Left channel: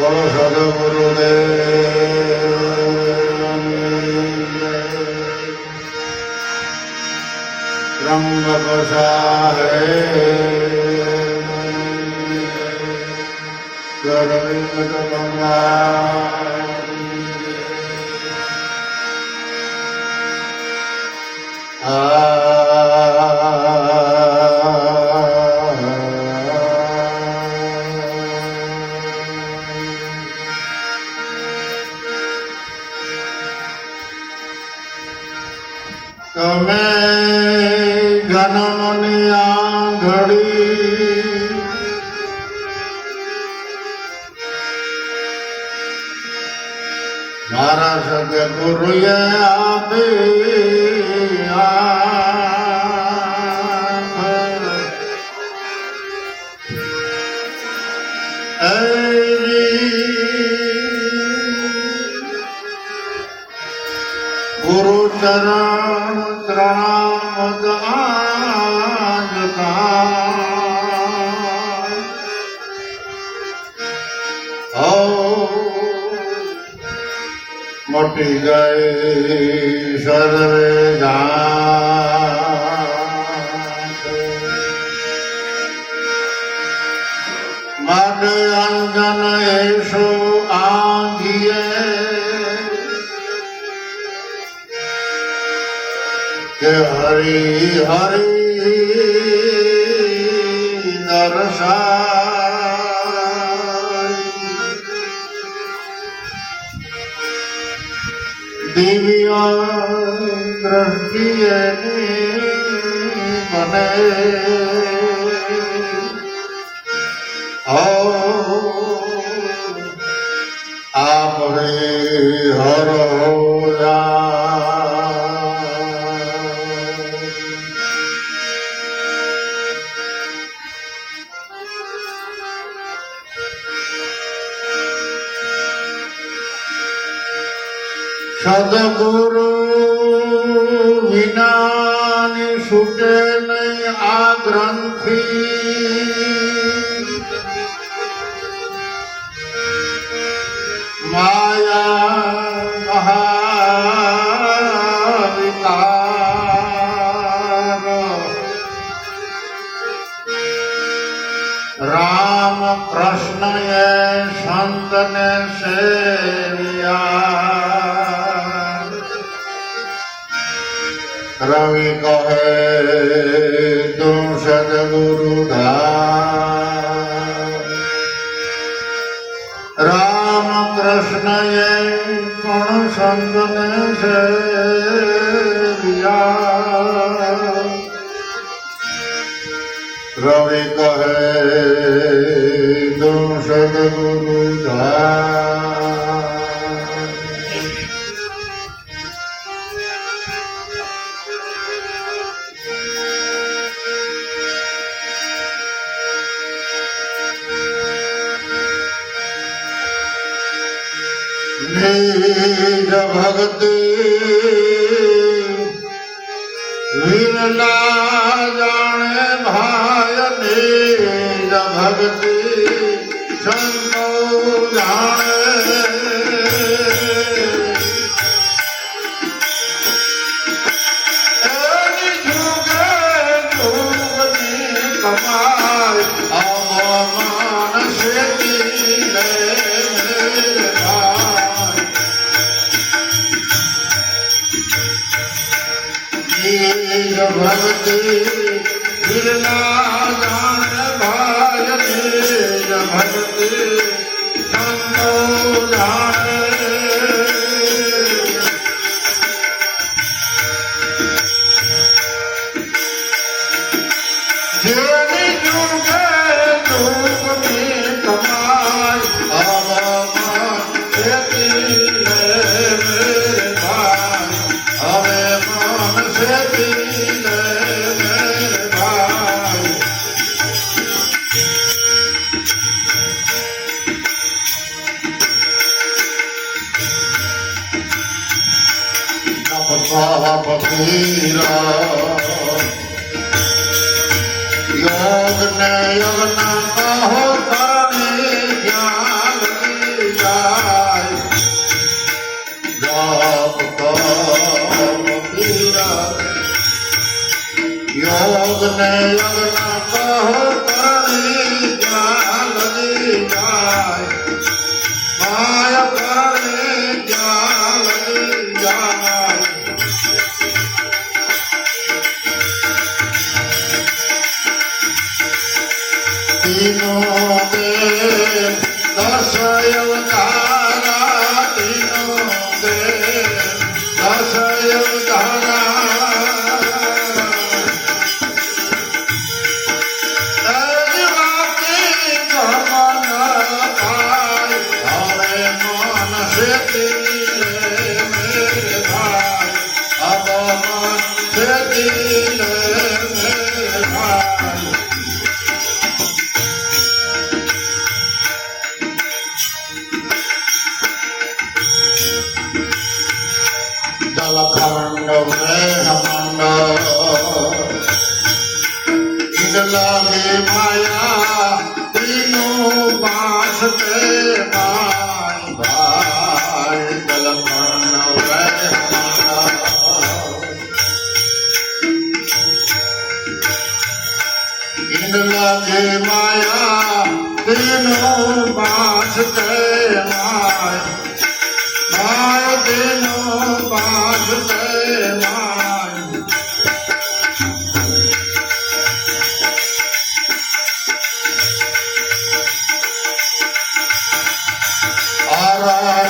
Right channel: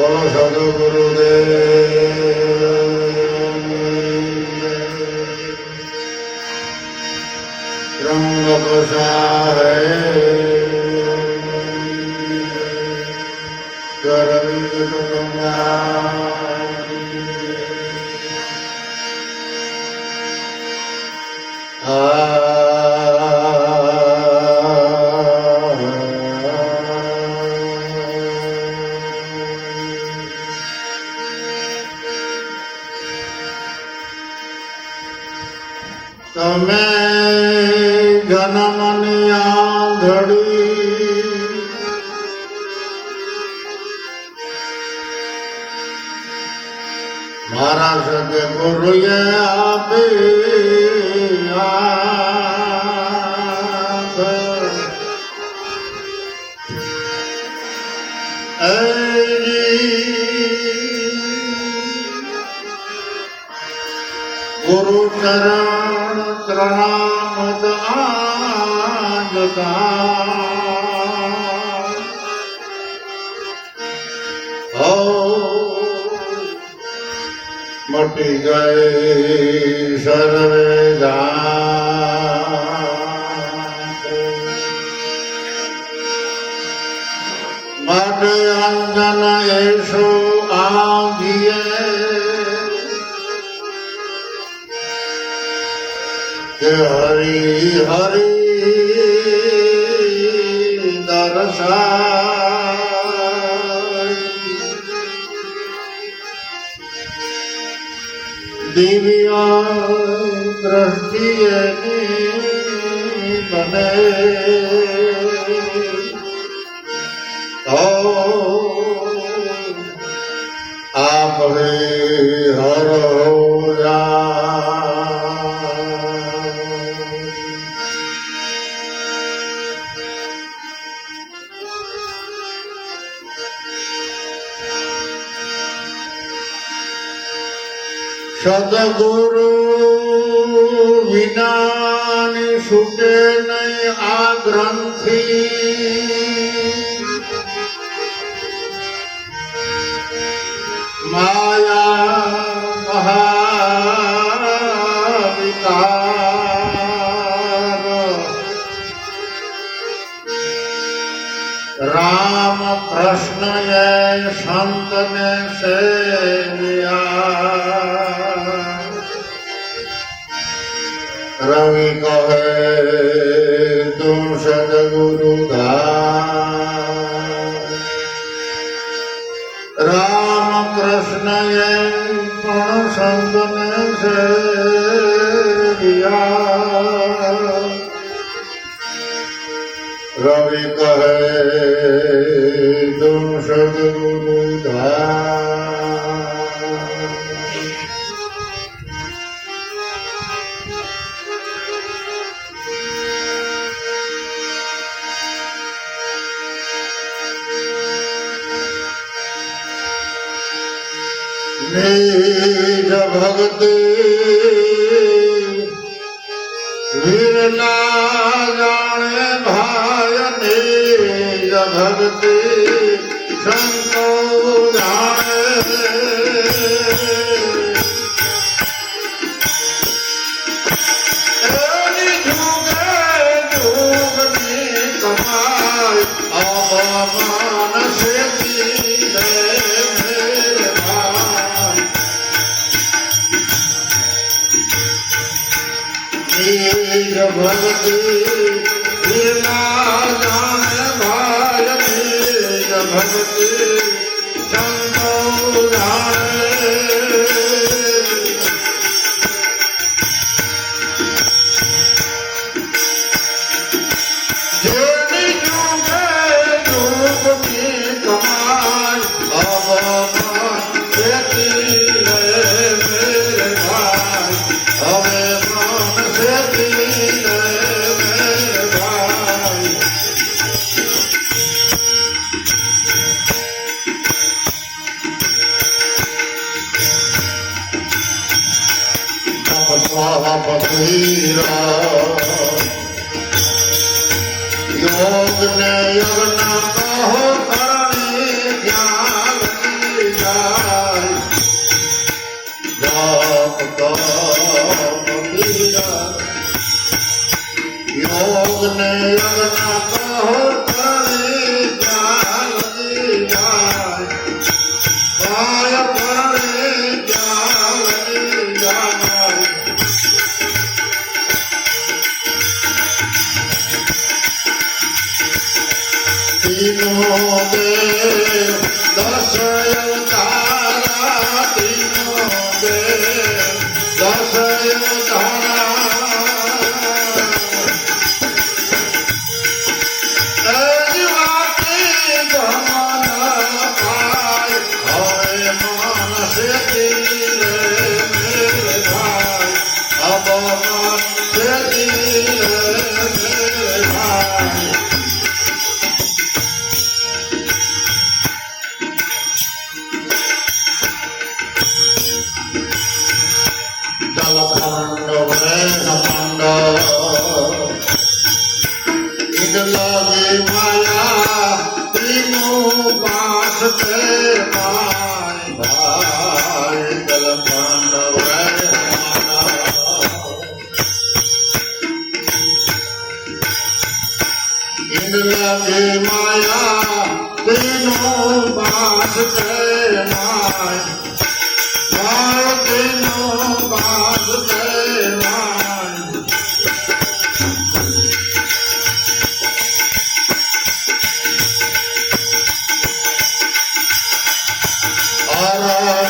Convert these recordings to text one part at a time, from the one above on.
બોલો સદગુરુદેવ રંગ પસારે કરંગ તમે જન્મની આંધળી મારા સદગુરુએ આપી ગુરુ ચરણ પ્રણામ મટી ગઈ સર્વે માટે અંજન એસો આંગીએ કે હરી હરી દર્શાય દિવ્ય દ્રષ્ટિએ મને આપણે હરો સદગુરુ વિનાની છૂટે નહીં આ ગ્રંથિ માયા મહાવિકાર રામ કૃષ્ણએ સંતને સેવ્યા રવિ કહે તું સદગુરુ રામ કૃષ્ણએ પણ સંતને સેવ્યા રવિ કહે તું સદગુરુ નિજ ભક્તિ વિરલા જાણે ભાય નિજ ભક્તિ સંતો જાણે એની જુગે જુગની કમાલ અવમાન શેતી લે નિજ ભક્તિ વિરલા જાણે ભાય નિજ ભક્તિ સંતો જાણે જેની જુગે જુગની કમાઈ અવમાન ખેતી લે મેરે ભાઈ હવે મન ખેતી લે મેરે ભાઈ યોગ ને યોગ ના કહો તારે જ્ઞાન योग ने यज्ञ कहो करने ज्ञान लगी जाए काल करने ज्ञान लगी जाए तीनों देव 10 अवतारा तीनों देव 10 अवतारा लगे माया तीनों बास पे भाई इन लगे माया तीनों बास पे माय तीनों बास पे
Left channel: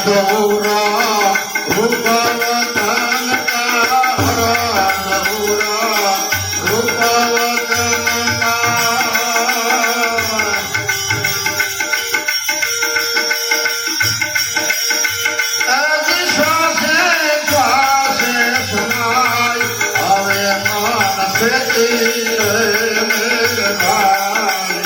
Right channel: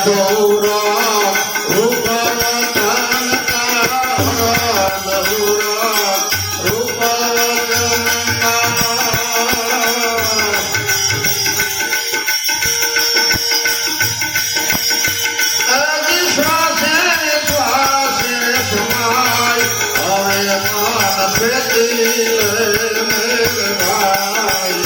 गौरा रूपवतन का गौरा रूपवतन का श्वासे श्वासे सुनाई अरे मानस मेरे भाई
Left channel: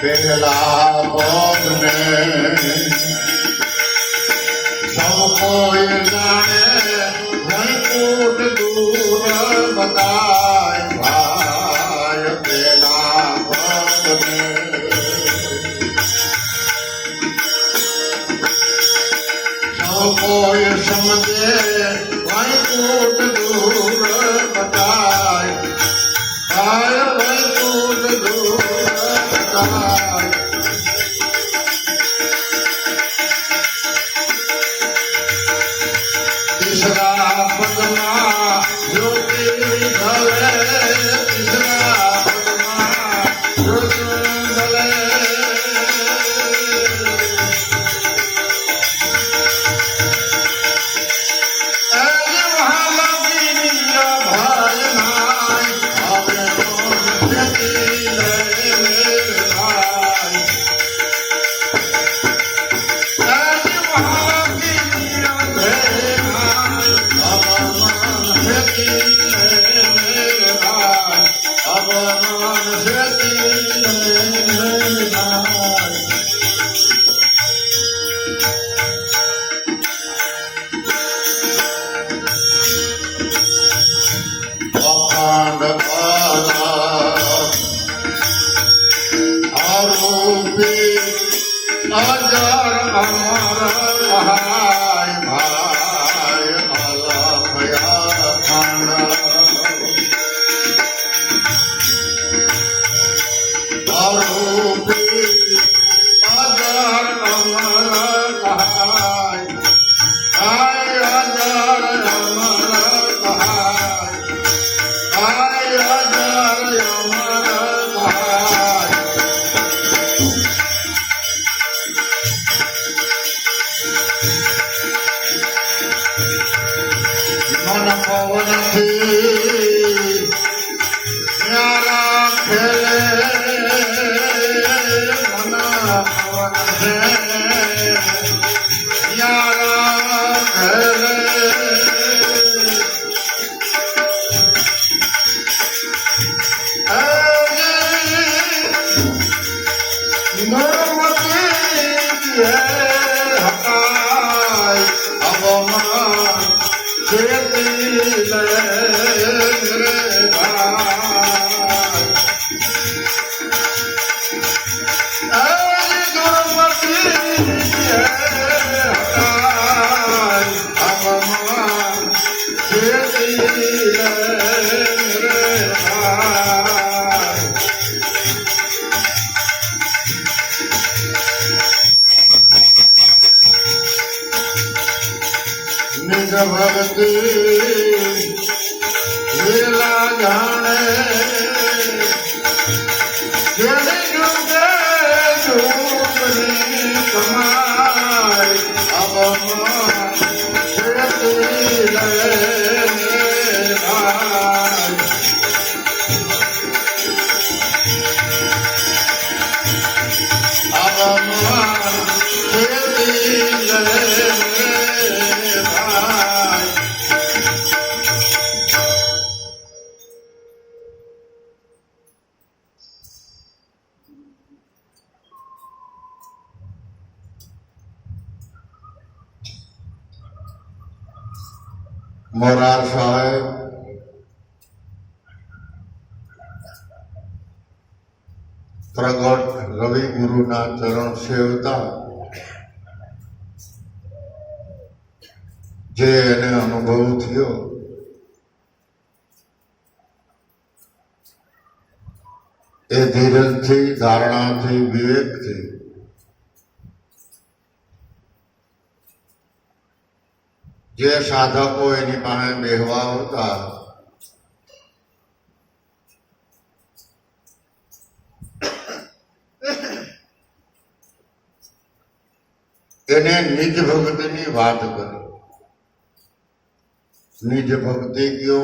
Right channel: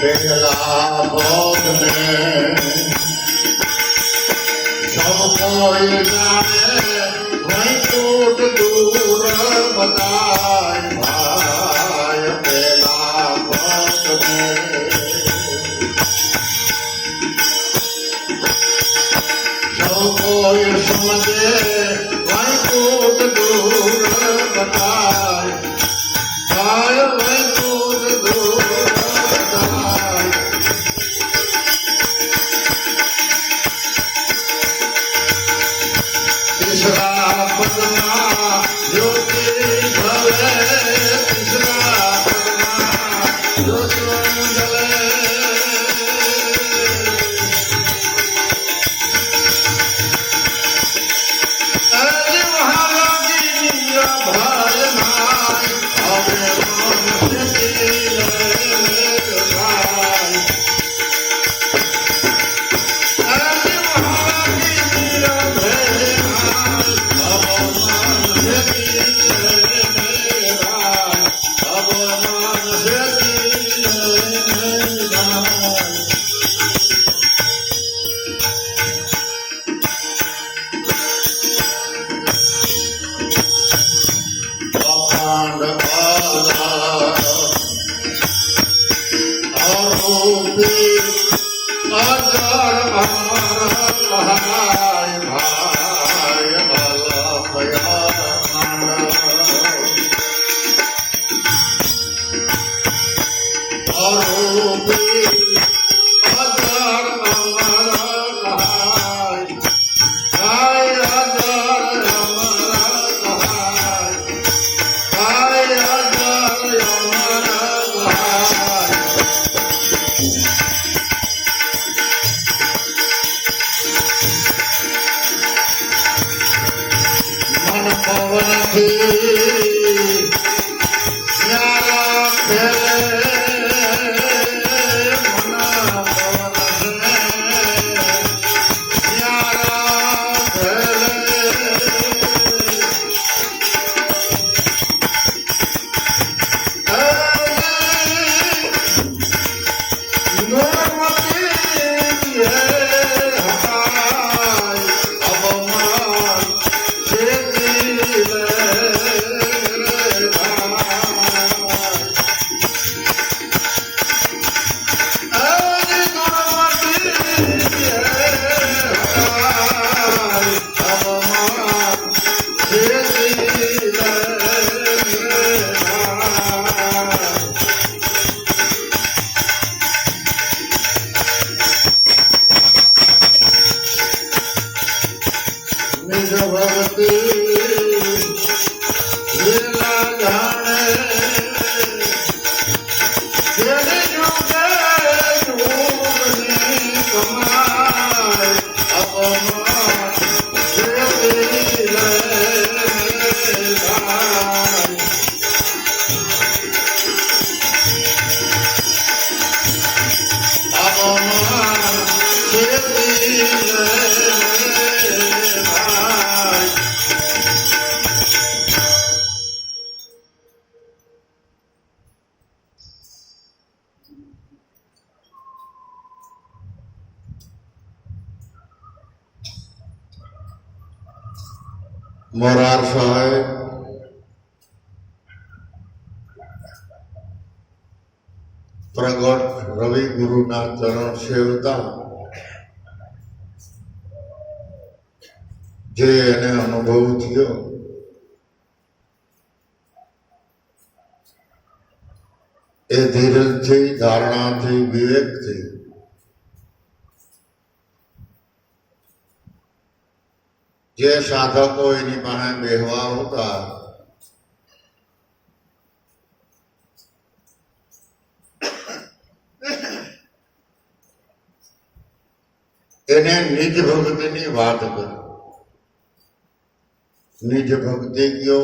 बेला बोध में सब कोई जाने वही कूट दूर बताए भाई बेला बोध में सब कोई समझे वही कूट दूर बताए भाई वही कूट दूर तीसरा पदमा ज्योति भले तीसरा पदमा ज्योति भले મોરાર સાહેબ પ્રગટ રવિ ગુરુના ચરણ સેવતા જે એને અનુભવ થયો એ ધીરજથી, ધારણાથી, વિવેકથી જે સાધકો એની પાસે બેહવા હતા એને નિજ ભક્તિની વાત કરી. નિજ ભક્તિ કયો,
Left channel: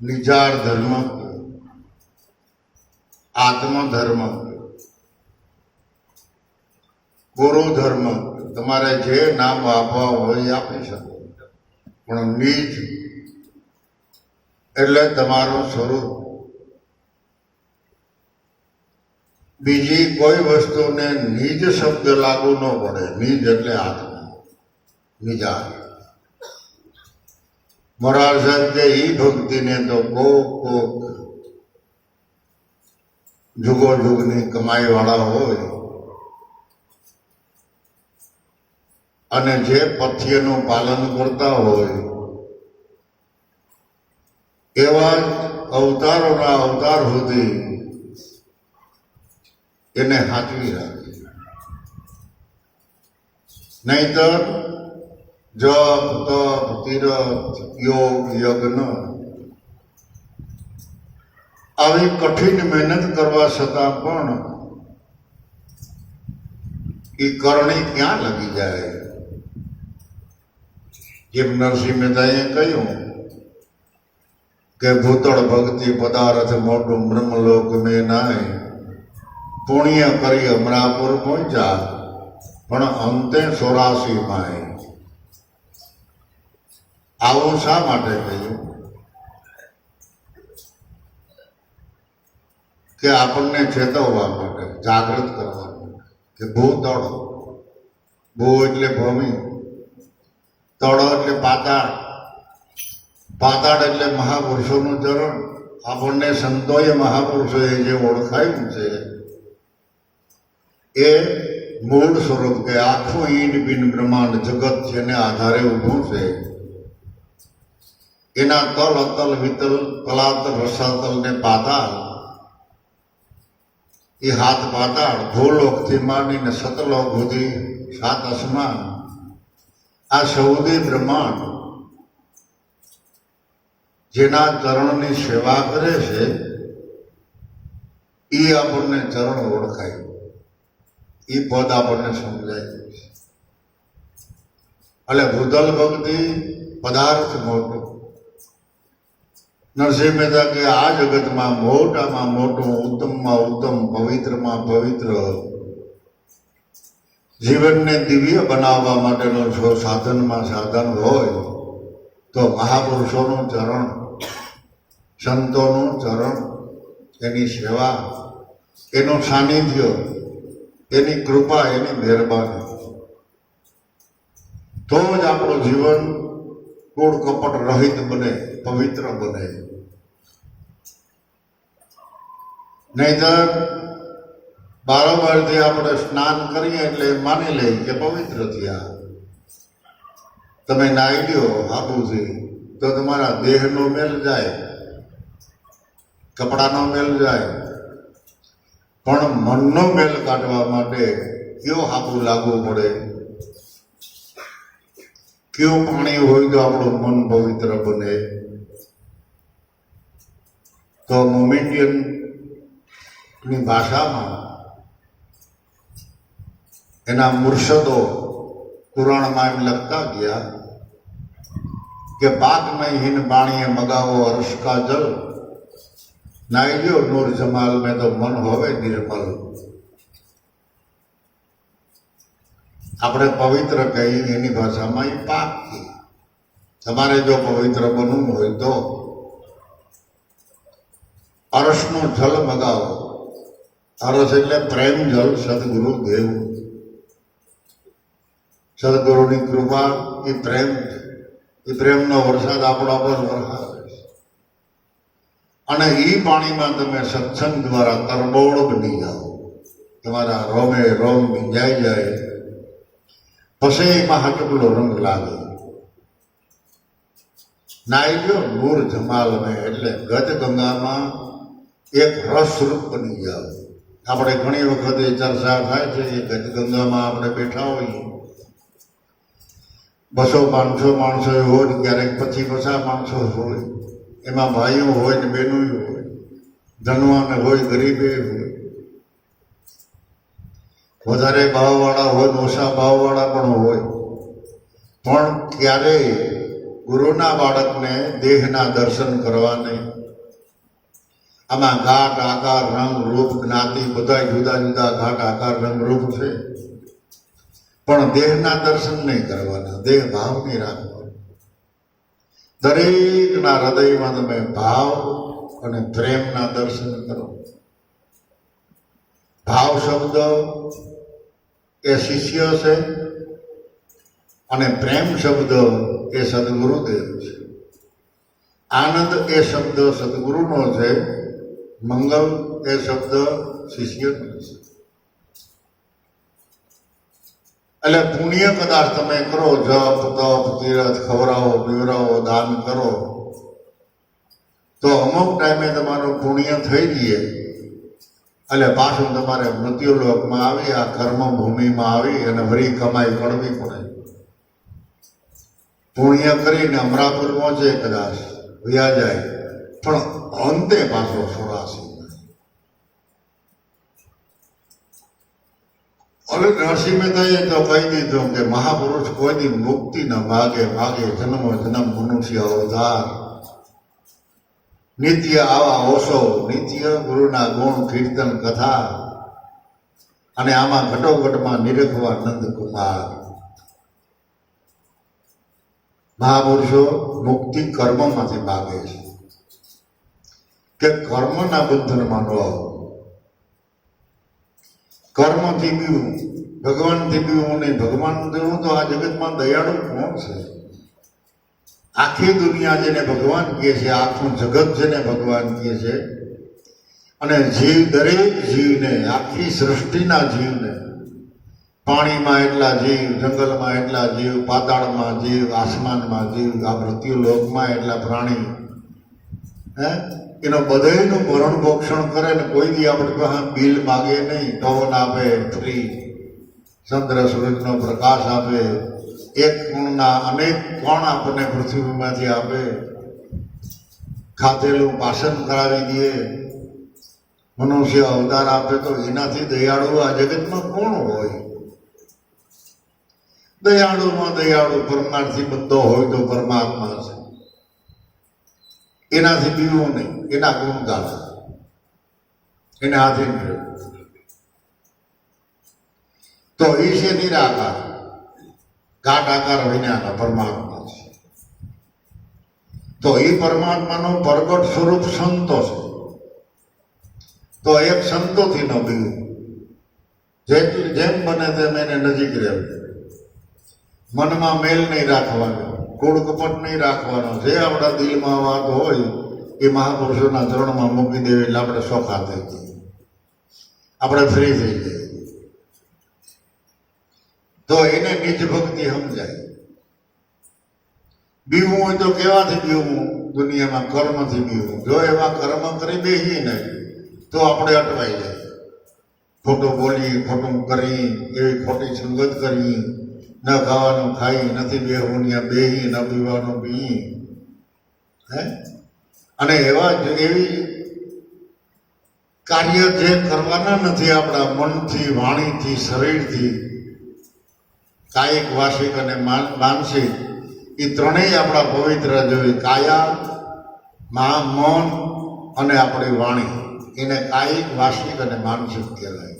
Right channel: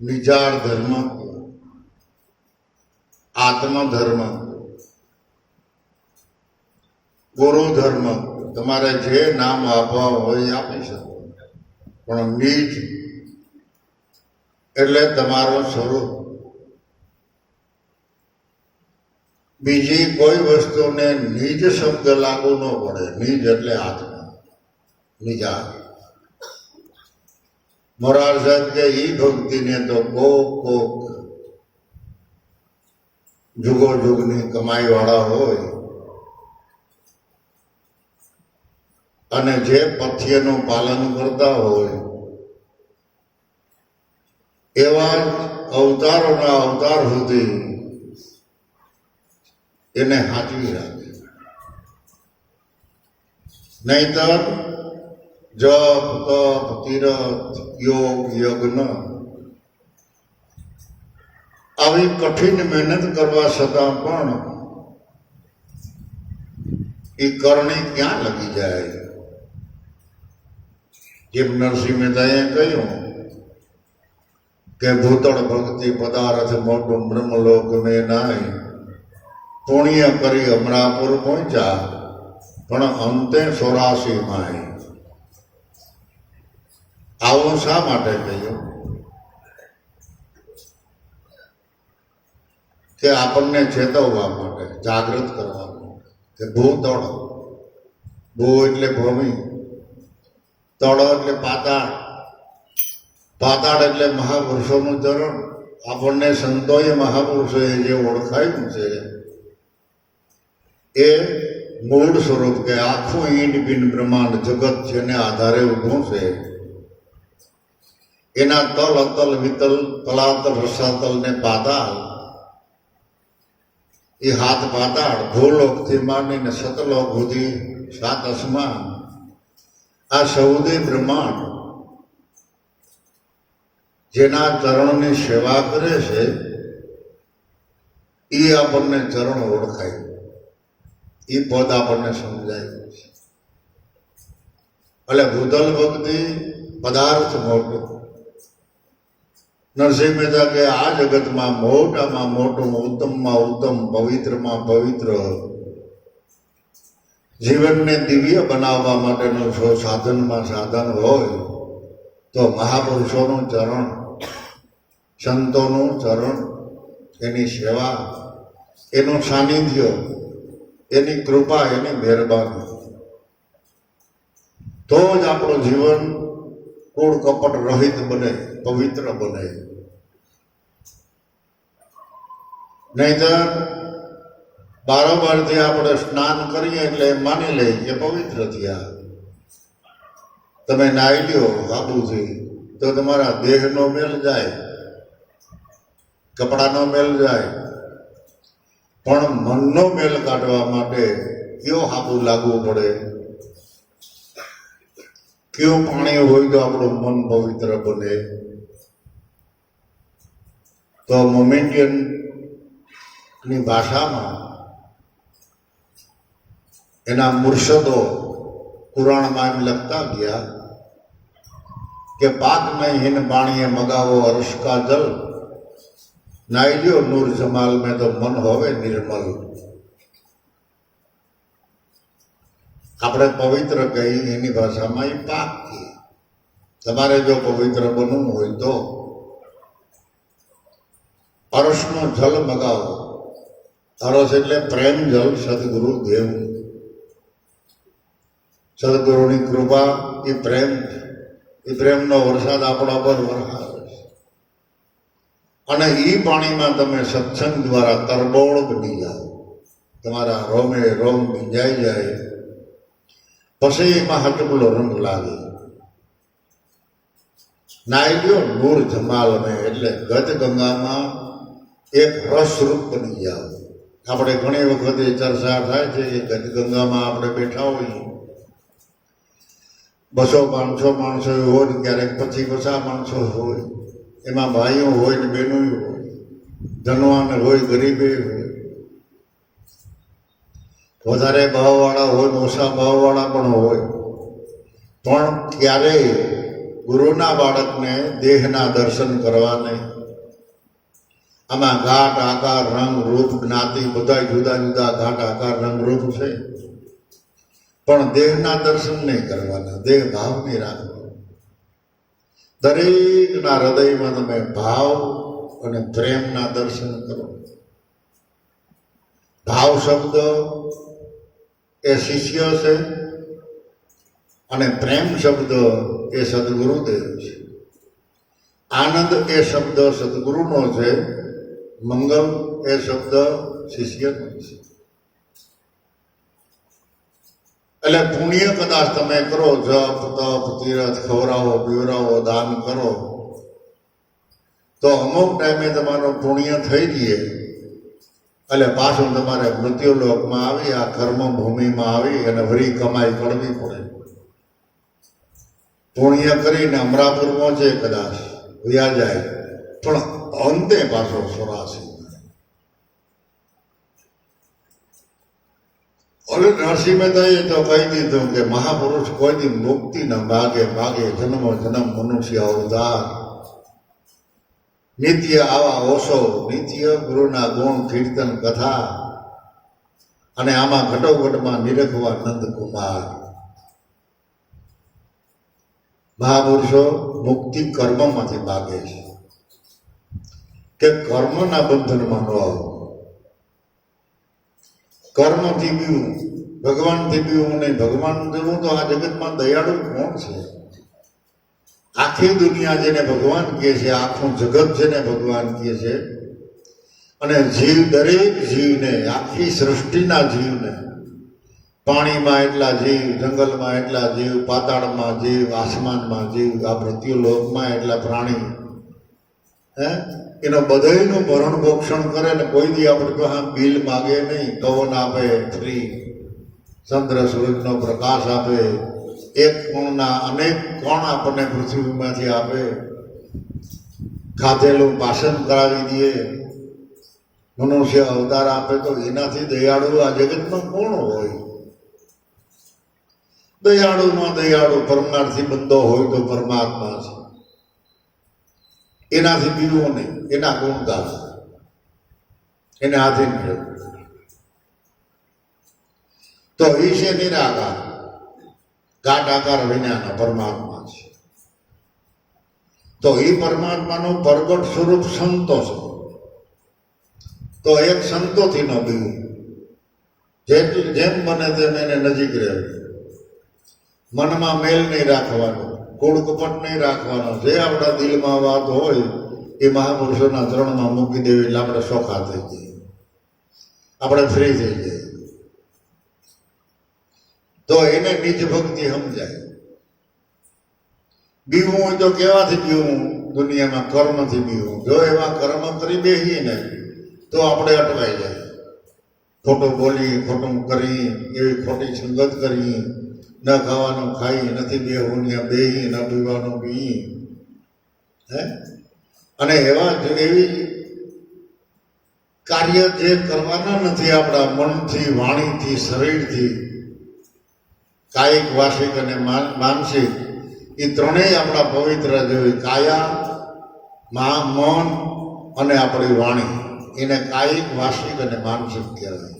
નિજાર ધર્મ કયો, આત્મધર્મ કયો, ગુરુ ધર્મ કયો. તમારે જે નામ આપવા હોય આપી શકો, પણ નિજ એટલે તમારું સ્વરૂપ. બીજી કોઈ વસ્તુને નિજ શબ્દ લાગુ ન પડે. નિજ એટલે આત્મા, નિજા. મોરાર સાહેબ કે ઈ ભક્તિને તો કોક જુગો જુગની કમાઈ વાળા હોય અને જે પથ્યનું પાલન કરતા હોય એવા અવતારોના અવતાર સુધી એને સાચવી રાખે. નહીતર જપ, તપ, તીરથ, યોગ, યજ્ઞ આવી કઠિન મહેનત કરવા છતાં પણ એ કરણી ક્યાં લગી જાય? જેમ નરસિંહ મહેતાએ કહ્યું કે ભૂતળ ભક્તિ પદાર્થ મોટું બ્રહ્મલોક મેં નાય, પુણ્ય કરી અમરાપુર પહોંચ્યા પણ અંતે 84 માં. આવું શા માટે કહ્યું? કે આપણને ચેતવવા માટે, જાગૃત કરવા માટે કે ભૂતળ, ભૂ એટલે ભૂમિ, તળ એટલે પાતાળ, પાતાળ એટલે મહાપુરુષોનું ચરણ. આપણને સંતોએ મહાપુરુષોએ જે ઓળખાયું છે એ મૂળ સ્વરૂપ કે આખું ઈંડ બિન બ્રહ્માંડ જગત જેને આધારે ઊભું છે એના તલ, અતલ, વિતલ, તલાતલ, રસાતલ ને પાતાળ, એ હાથ પાતાળ, ભૂલોકથી માંડીને સતલોક સુધી 7 આસમાન, આ સૌથી બ્રહ્માંડ જેના ચરણની સેવા કરે છે એ આપણને ચરણ ઓળખાય, એ પદ આપણને સમજાય. એટલે ભૂતલ ભક્તિ પદાર્થ મોટો. નરસિંહ મહેતા કે આ જગતમાં મોટામાં મોટું, ઉત્તમમાં ઉત્તમ, પવિત્રમાં પવિત્ર જીવનને દિવ્ય બનાવવા માટેનું જો સાધનમાં સાધન હોય તો મહાપુરુષોનું ચરણ, સંતોનું ચરણ, એની સેવા, એનું સાનિધ્ય, એની કૃપા, એની મહેરબાની, તો જ આપણું જીવન કૂળ કપટ રહિત બને, પવિત્ર બને. નહીતર બારોબારથી આપણે સ્નાન કરીએ એટલે માની લઈએ કે પવિત્ર થયા. તમે નાહી લ્યો આબુથી તો તમારા દેહનો મેલ જાય, કપડાનો મેલ જાય, પણ મનનો મેલ કાઢવા માટે કયો હાબુ લાગવું પડે? કયું પાણી હોય તો આપણું મન પવિત્ર બને? તો મોમેન્ટિયન ની ભાષામાં એના મુર્શદો પુરાણમાં એમ લખતા ગયા કે પાક નહીં પાણીએ મગાવો અર્શ કા જલ, નાઈ લ્યો નૂર જમાલ મેં તો મન હોવે નિર્મલ. આપણે પવિત્ર કહી એની ભાષામાં એ પાક છે. તમારે જો પવિત્ર બનવું હોય તો અરસનો જલ મગાવો. અરસ એટલે પ્રેમ જલ, સદગુરુ દેવ. સદગુરુની કૃપા એ પ્રેમ છે, એ પ્રેમનો વરસાદ આપણા પર વરસાવે છે. અને એ પાણીમાં તમે સત્સંગ દ્વારા તરબોળ બની જાઓ, તમારા રોમે રોમ ભીંજાઈ જાય, પછી એમાં હટકલો રંગ લાગે. નાઈ ગયો નૂર જમાલ મેં, એટલે ગત ગંગામાં એક રસરૂપ બની જાઓ. આપણે ઘણી વખત એ ચર્ચા થાય છે કે ગત ગંગામાં આપણે બેઠા હોઈએ, 200-500 માણસો હોય, ક્યારેક 50 માણસો હોય, એમાં ભાઈઓ હોય ને બહેનો હોય, ધનવાન હોય, ગરીબે હોય, વધારે ભાવવાળા હોય, ઓછા ભાવવાળા પણ હોય. પણ ક્યારેય ગુરુના બાળકને દેહના દર્શન કરવા નહીં. આમાં ઘાટ આકાર રંગ રૂપ જ્ઞાતિ બધા જુદા જુદા ઘાટ આકાર રંગ રૂપ છે, પણ દેહના દર્શન નહીં કરવાના, દેહ ભાવ નહીં રાખવાનો. દરેકના હૃદયમાં તમે ભાવ અને પ્રેમના દર્શન કરો. ભાવ શબ્દ એ શિષ્ય છે અને પ્રેમ શબ્દ એ સદગુરુદેવ છે. આનંદ એ શબ્દ સદગુરુનો છે, મંગલ એ શબ્દ શિષ્યનો છે. એટલે પુણ્ય કદાચ તમે કરો, જપ તપ તીરથ ખવડાવો પીવડાવો દાન કરો, તો અમુક ટાઈમે તમારું પુણ્ય થઈ જઈએ, એટલે પાછું તમારે મૃત્યુલોકમાં આવી, આ કર્મભૂમિમાં આવી અને વળી કમાઈ કરવી પડે. પુણ્ય કરીને અમરાપુર પહોંચે, કદાચ વયા જાય, પણ અંતે પાછો સોરાશી. હવે નરસિંહ મહેતાએ તો કહી દીધું કે મહાપુરુષ કોઈ દી મુક્તિ ન માગે, માગે જન્મો જન્મ મનુષ્ય અવતાર. નિત્ય આવા ઓશો, નિત્ય ગુરુના ગુણ કીર્તન કથા, અને આમાં ઘટોઘટમાં નિરખવા નંદકુમાર. મહાપુરુષો મુક્તિ કર્મમાંથી માગે છે કે કર્મના બંધનમાં ન આવો. કર્મથી બીવું, ભગવાનથી બીવું નહીં. ભગવાન જેવું તો આ જગતમાં દયાળુ કોણ છે? આખી દુનિયા જેને ભગવાન કહે છે, આખું જગત જેને ભગવાન કહે છે, અને જીવ, દરેક જીવને, આખી સૃષ્ટિના જીવને, પાણીમાં એટલા જીવ, જંગલમાં એટલા જીવ, પાતાળમાં જીવ, આસમાનમાં જીવ, આ મૃત્યુલોકમાં એટલા પ્રાણી, એનો બધાયનું ભરણ પોષણ કરે ને કોઈ દી આપણી પાસે બિલ માગે નહીં. પવન આપે ફ્રી, ચંદ્ર સૂર્યનો પ્રકાશ આપે, એક કણના અનેક કણ આપણને પૃથ્વીમાંથી આપે, ખાધેલું પાચન કરાવી દે, મનુષ્ય અવતાર આપે, તો એનાથી દયાળુ આ જગતમાં કોણ હોય? દયાળુમાં દયાળુ પરમાર્થી બંધો હોય તો પરમાત્મા છે. એનાથી બીજું નહીં, એના ગુણ ગાવે, એને આધીન રહે. તો એ છે નિરાકાર, ઘાટ આકાર વિનાનો પરમાત્મા છે. તો એ પરમાત્માનું પ્રગટ સ્વરૂપ સંતો છે. તો એક સંતોથી ન બીવું, જેમ બને તેમ એને નજીક રહેવું. મનમાં મેલ નહીં રાખવાનો, કૂડ કપટ નહીં રાખવાનો. જે આપણા દિલમાં વાત હોય એ મહાપુરુષોના ચરણમાં મૂકી દેવી, એટલે આપણે સોખા થઈ જઈએ, આપણે ફ્રી થઈ જઈએ. તો એને નિજ ભક્તિ સમજાય. બીવું હોય તો કેવાથી બીવું? દુનિયામાં કર્મથી બીવું. જો એવા કર્મ કરી બેસીએ ને તો આપણે અટવાઈ જાય. ખોટું બોલી, ખોટું કરી, એવી ખોટી સંગત કરી, ન ખાવાનું ખાઈ, નથી બેહવું બેહી, ન પીવાનું પી, અને એવી કાર્ય જે કરવાના નથી આપણા મનથી, વાણીથી, શરીરથી, કાયિક, વાચિક અને માનસિક, એ ત્રણેય આપણા પવિત્ર જોઈએ. કાયા, મન અને આપણી વાણી, એને કાયિક, વાચિક અને માનસિક કહેવાય.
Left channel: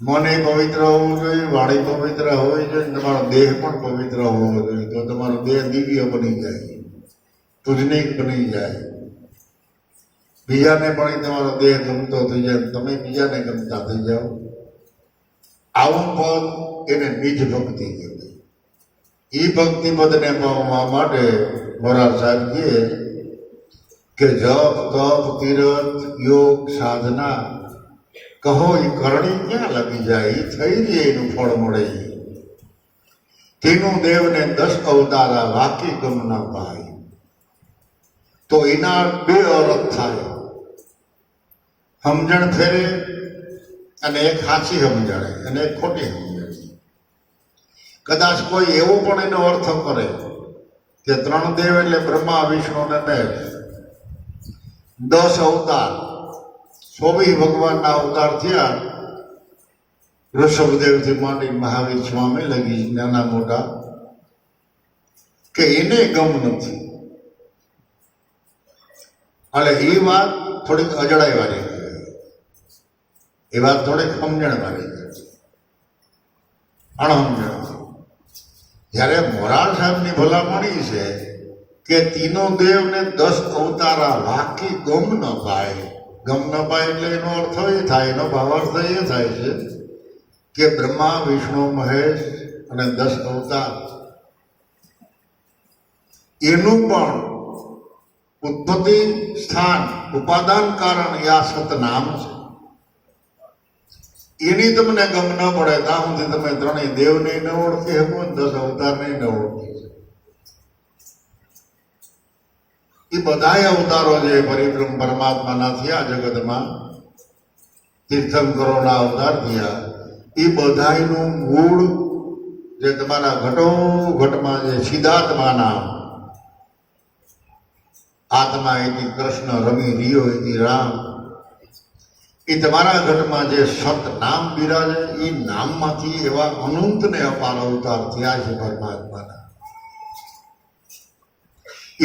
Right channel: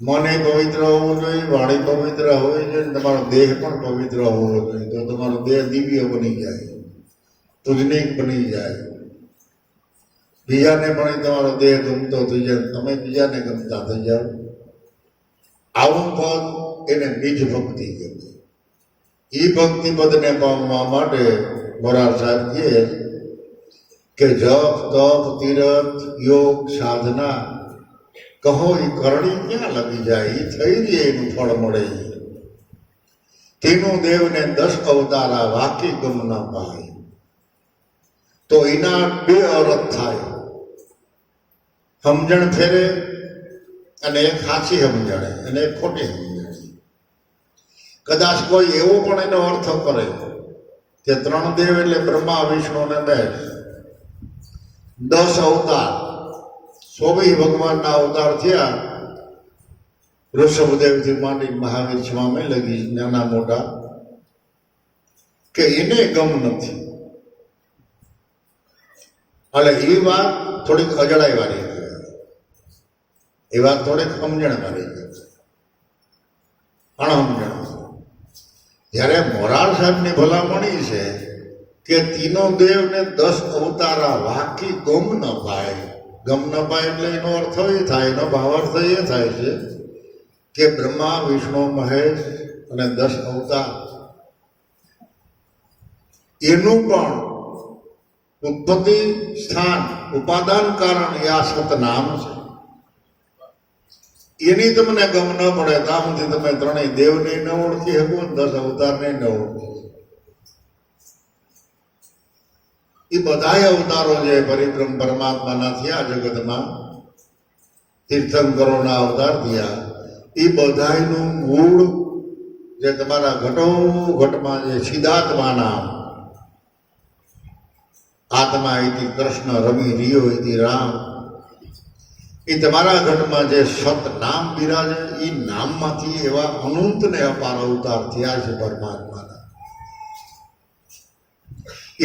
મન એ પવિત્ર હોવું જોઈએ, વાણી પવિત્ર હોવી જોઈએ, તમારો દેહ પણ પવિત્ર હોવો જોઈએ. તો તમારો દેહ દિવ્ય બની જાય, પૂજનીક બની જાય, બીજાને પણ તમારો દેહ ગમતો થઈ જાય, તમે બીજાને ગમતા થઈ જાઓ. આવું પદ એને નિજ ભક્તિ કહેવાય. એ ભક્તિ પદને પામવા માટે મોરાર સાહેબ કહે કે જપ તપ તીરથ યોગ સાધના કહો એ કરણી ક્યાં લગી જાય, એ થઈ રહી એનું ફળ મળે. તેનું દેવને 10 અવતારા વાકી ગમ ન પાય. તો એના 2 અર્થ થાય, સમજણ ફેરે અને એક સાચી સમજણ અને એક ખોટી સમજણ. કદાચ કોઈ એવો પણ એનો અર્થ કરે કે 3 દેવ એટલે બ્રહ્મા વિષ્ણુ અને મહેશ, 10 અવતાર 24 ભગવાનના અવતાર થયા, ઋષભદેવથી માંડી મહાવીર સ્વામી લગી નાના મોટા, કે એને ગમ નથી. એટલે એ વાત થોડીક અજડાઈ વાળી કહેવાય, એ વાત થોડીક સમજણ વાળી અણસમજણ. જ્યારે મોરાર સાહેબની ભલામણી છે કે તીનો દેવને 10 અવતારા વાકી ગમ ન પાય. ગમ ન પાય એટલે એનો અર્થ એ થાય, એનો ભાવાર્થ એ થાય છે કે બ્રહ્મા વિષ્ણુ મહેશ અને 10 અવતાર એનું પણ ઉત્પત્તિ સ્થાન ઉપાદાન કારણ એ આ સતનામ છે. એની તમને ગમ ન પડે ત્યાં સુધી તમે 3 દેવને ન ઓળખી શકો, 10 અવતારને ન ઓળખી શકો. એ બધા અવતારો જે પરિક્રમ પરમાત્માના થયા જગતમાં, તીર્થંકરોના અવતાર થયા, એ બધાનું મૂળ જે તમારા ઘટોઘટમાં જે સિદ્ધાત્માના આત્મા એથી કૃષ્ણ રમી રહ્યો એથી રામ, એ તમારા ઘટમાં જે સત નામ બિરાજે, એ નામમાંથી એવા અનંતને અપાર અવતાર થયા છે પરમાત્માના.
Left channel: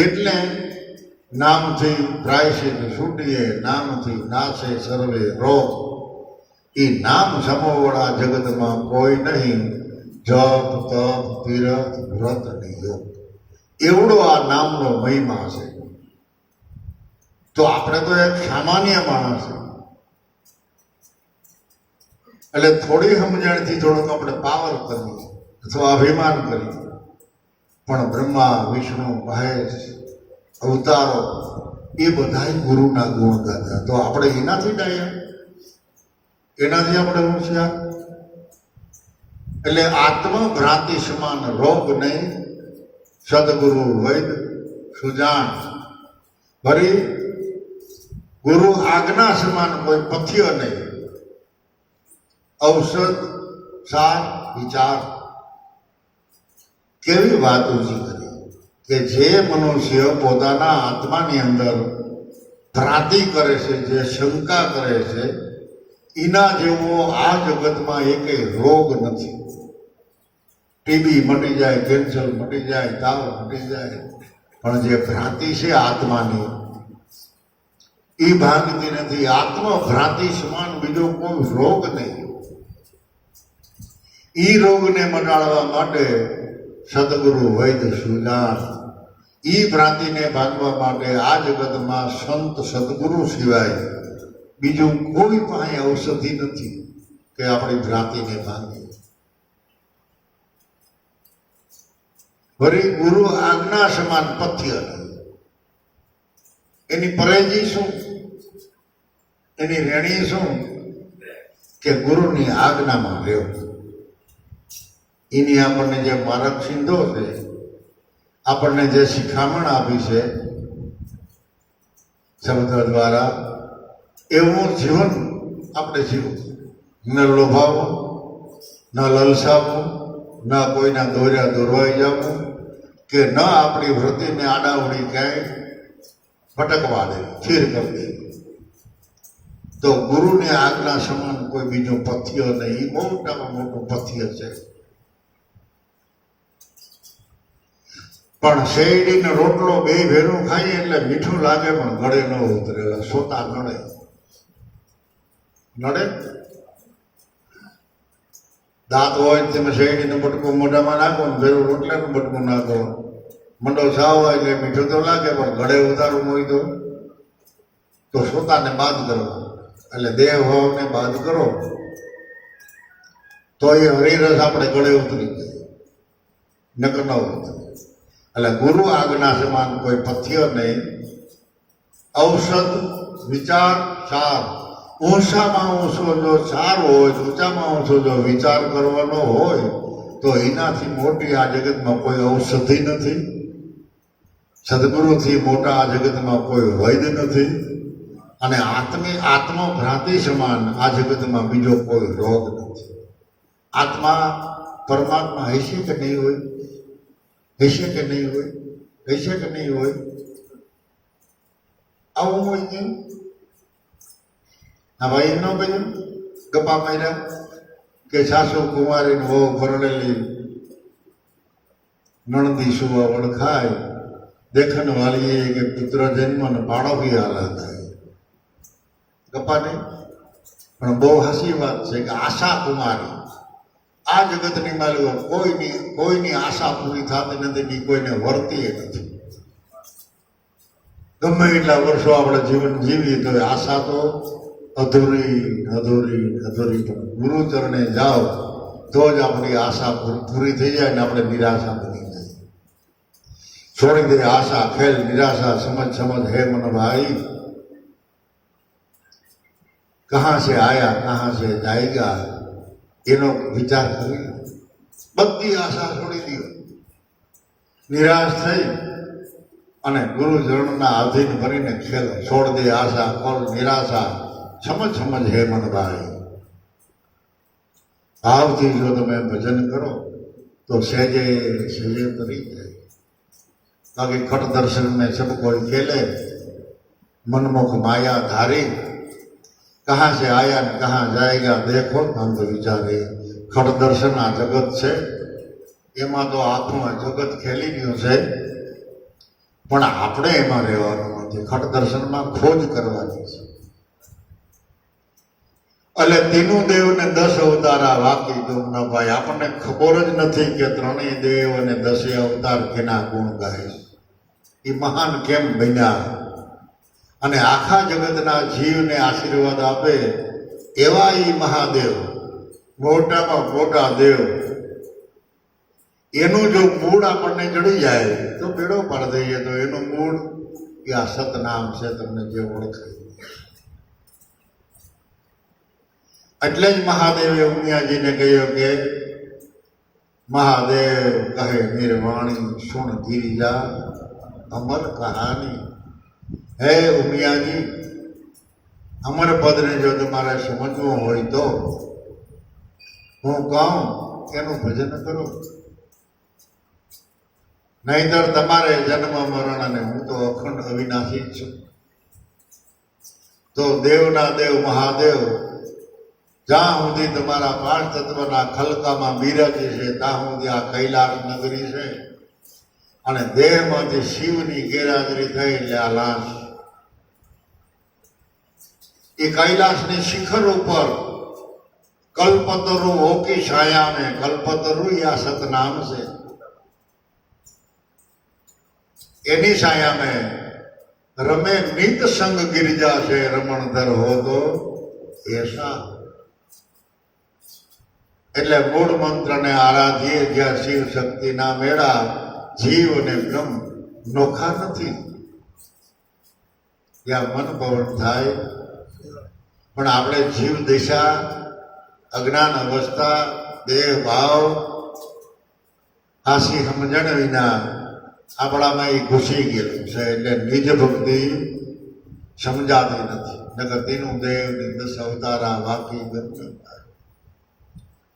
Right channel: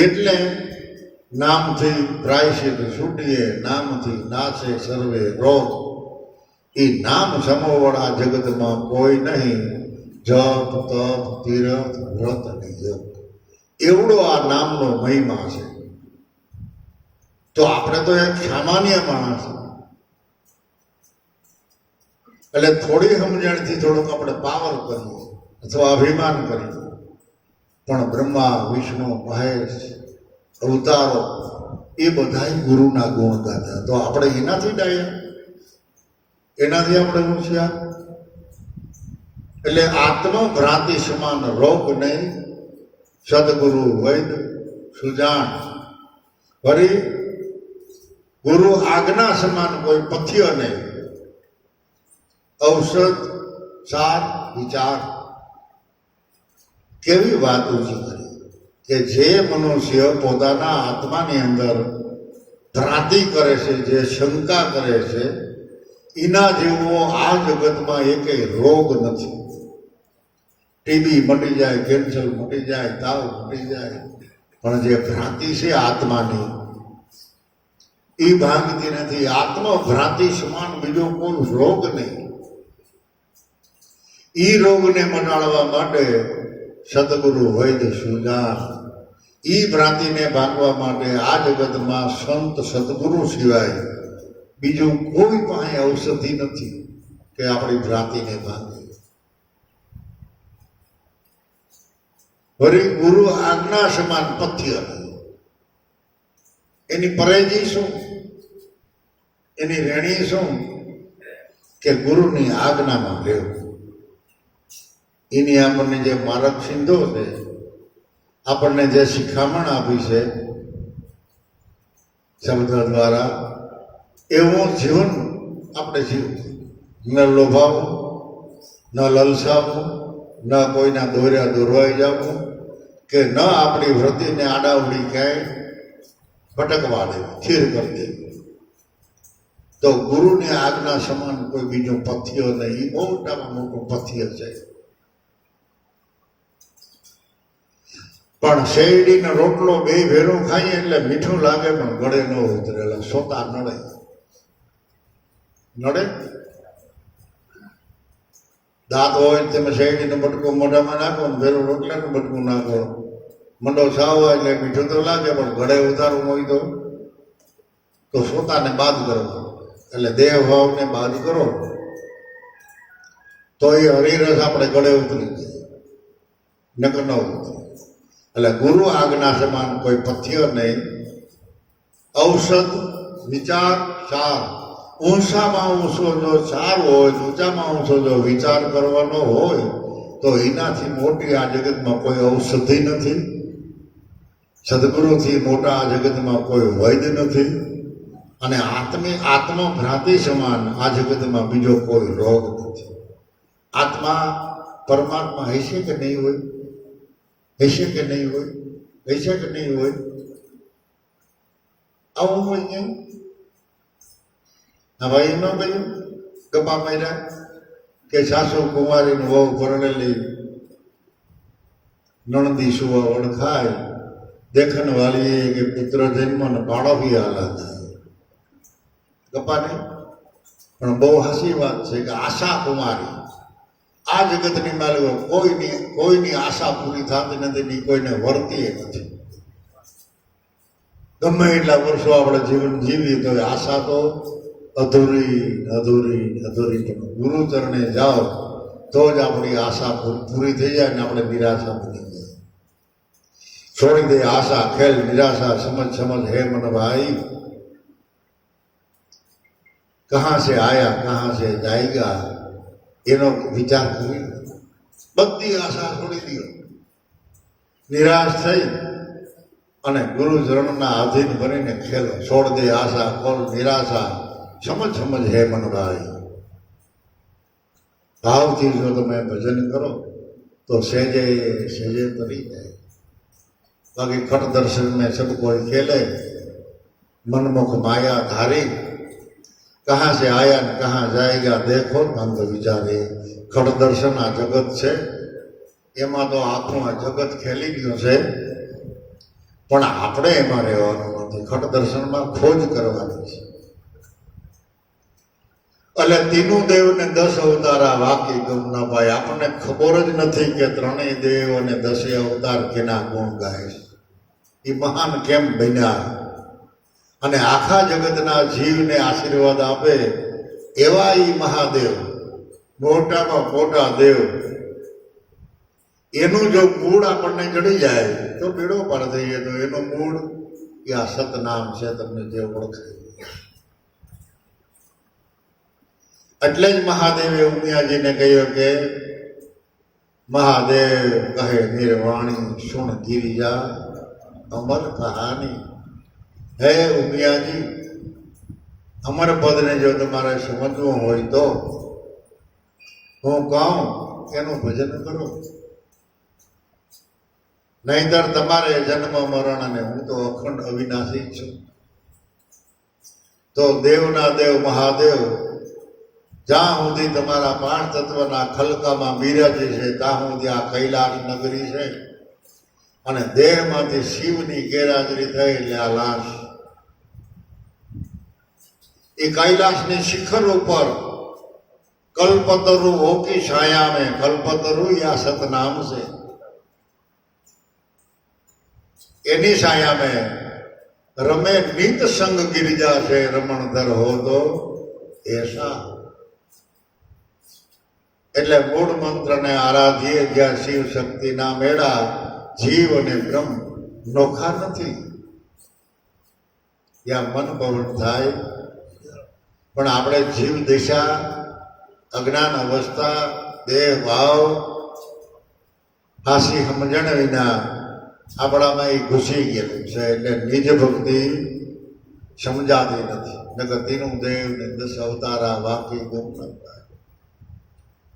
એટલે નામથી પ્રાયશ્ચિત છૂટીએ, નામથી નાશે સર્વે રોગ. એ નામ સમોવડા જગતમાં કોઈ નહીં. જપ તપ તીરથ વ્રત અને યોગ, એવડો આ નામનો મહિમા છે. તો આપણે તો એક સામાન્ય માણસ, એટલે થોડી સમજણથી થોડુંક આપણે પાવર કરીએ અથવા અભિમાન કરીએ, પણ બ્રહ્મા વિષ્ણુ મહેશ અવતારો એ બધા ગુરુના ગુણ ગાતા. તો આપણે એનાથી ડાય, એનાથી આપણે હોશિયાર. એટલે આત્મભ્રાંતિ સમાન રોગ નહીં. સદગુરુ વૈદ સુજાન, ફરી ગુરુ આજ્ઞા સમાન કોઈ પથ્ય નહીં. ઔષધ સાર વિચાર. કેવી વાત ઊંચી કરી કે જે મનુષ્ય પોતાના આત્માની અંદર ભ્રાંતિ કરે છે, જે શંકા કરે છે, એના જેવો આ જગતમાં એકેય રોગ નથી. ટીબી મટી જાય, કેન્સર મટી જાય, તાવ મટી જાય, પણ જે ભ્રાંતિ છે આત્માની એ ભાંગતી નથી. આત્મભ્રાંતિ સમાન બીજો કોઈ રોગ નહીં. એ રોગને મટાડવા માટે સદગુરુ વૈદ સુજાન, એ ભ્રાંતિને ભાંગવા માટે આ જગતમાં સંત સદગુરુ સિવાય બીજું કોઈ પાસે ઔષધિ નથી કે આપણી ભ્રાંતિને ભાંગે. વળી ગુરુ આજ્ઞા સમાન પથ્ય. એની પરેજી શું, એની રેણી શું કે ગુરુની આજ્ઞામાં રહેવું. એની આપણને જે માર્ગ સિંધો છે, આપણને જે શિખામણ આપી છે શબ્દ દ્વારા, એવું જીવન આપણે જીવવું. ન લોભાવું, ન લલસાવું, ન કોઈના દોર્યા દોરવાઈ જવું, કે ન આપણી વૃત્તિને આડાવડી ક્યાંય ભટકવા દેવું, સ્થિર કરી દેવું. તો ગુરુને આજ્ઞા સમાન કોઈ બીજું પથ્ય નહીં. એ મોટામાં મોટું પથ્ય છે. પણ શેરડીને રોટલો બે ભેરું ખાઈએ એટલે મીઠું લાગે, પણ ગળે ન ઉતરેલા સોતા નડે. નડે. દાંત હોય તમે શેરડીને બટકું મોઢામાં નાખો ને ભેરું રોટલાનું બટકું નાખો, મંડો સાવ હોય એટલે મીઠું તો લાગે, પણ ગળે ઉતારવું હોય તો સોતાને બાદ કરો, એટલે દેહ ભાવને બાદ કરો તો એ હરિરસ આપણે ગળે ઉતરી જાય. નકર ન ઉતરે. એટલે ગુરુ આજ્ઞા સમાન કોઈ પથ્ય નહીં. ઔષધ વિચાર સાર, ઊંચામાં ઊંચો જો સાર હોય, ઊંચામાં ઊંચો જો વિચાર કરવાનો હોય તો એનાથી મોટી આ જગતમાં કોઈ ઔષધિ નથી. સદગુરુથી મોટા આ જગતમાં કોઈ વૈદ્ય નથી. અને આત્મભ્રાંતિ સમાન આ જગતમાં બીજો કોઈ રોગ નથી. આત્મા પરમાત્મા હશે કે નહીં હોય? હશે કે નહીં હોય? હશે કે નહીં હોય? આવું હોય કેમ? આ ભાઈ ન કહ્યું ગપ્પા માર્યા કે સાસુ કુમારી વહુ પરણેલી નણદી સુવા ઓળખાય, દેખન વાળી કે પુત્ર જન્મ ને બાળકી હાલત થાય. ગપ્પા નહીં, પણ બહુ હાસી વાત છે કે આશા કુમારી આ જગતની માલિકો કોઈની આશા પૂરી થતી નથી, કોઈને વર્તી નથી. ગમે એટલા વર્ષો આપણે જીવન જીવીએ તો આશા તો અધૂરી અધૂરી અધૂરી. ગુરુ ચરણે જાઓ તો જ આપણી આશા પૂરી થઈ જાય ને આપણે નિરાશા બની જાય. છોડી દે આશા ખેલ નિરાશા, સમજ હે મન ભાઈ, કહાં સે આયા કહાં સે જાયગા, એનો વિચાર કરી બધી આશા છોડી દો. નિરાશ થઈ અને ગુરુ ચરણના આધીન કરીને ખેલ. છોડ દે આશા કોલ નિરાશા, સમજ હે મન ભાઈ. ભાવથી જો તમે ભજન કરો તો સહેજે સહેજે તરી જાય. બાકી ખટ દર્શન में सब कोई खेले, मनमुख माया धारी, कहाँ से आया ने कहाँ जाएगा देखो अंत विचारे. ખટ દર્શન આ જગત છે, એમાં તો આખું આ જગત ખેલી ગયું છે, પણ આપણે એમાં રહેવાનું નથી. ખટ દર્શનમાં ખોજ કરવાની છે. એટલે તીનું દેવ ને 10 અવતારા વાકી ગુણના ભાઈ. આપણને ખબર જ નથી કે ત્રણેય દેવ અને 10 અવતાર કેના ગુણ ગાય છે, એ મહાન કેમ બન્યા. અને આખા જગતના જીવને આશીર્વાદ આપે એવા એ મહાદેવ, મોટામાં મોટા દેવ, એનું જો મૂળ આપણને જડી જાય તો બેડો પાડ દઈએ. તો એનું મૂળ એ આ સતનામ છે, તમને જે ઓળખાય. એટલે જ મહાદેવે ઉમિયાજીને કહ્યું કે મહાદેવ કહે નિર્વાણી સુણ ગિરિજા અમર કહાની. હે ઉમિયાજી, અમર પદને જો તમારે સમજવું હોય તો હું કહું એનું ભજન કરો, નહીંતર તમારે જન્મ મરણ અને હું તો અખંડ અવિનાશી છું. તો દેવના દેવ મહાદેવ જ્યાં સુધી તમારા 5 તત્વના ખલકામાં બિરાજે છે ત્યાં સુધી આ કૈલાસ નગરી છે. અને દેહમાંથી શિવની ગેરહાજરી થઈ એટલે આ લાશ એ કૈલાસની શિખર ઉપર કલ્પતરુ ઓકી છાયા में, કલ્પતરુ આ સતનામ છે, એની છાયા में રમે નિત સંગ गिरिजा से रमण धर हो दो ऐसा. એટલે મૂળ મંત્રને આરાધીએ જ્યાં શિવ શક્તિના મેળા, જીવ અને બ્રહ્મ નોખા નથી. ત્યાં મન પવન થાય. પણ આપણે જીવ દિશા, અજ્ઞાન અવસ્થા, દેહ ભાવ, હાસી સમજણ વિના આપણામાં એ ઘૂસી ગયેલું છે. એટલે નિજ ભક્તિ સમજાતી નથી. નકર તીનું દેવ ને 10 અવતારા વાકી ગમતા.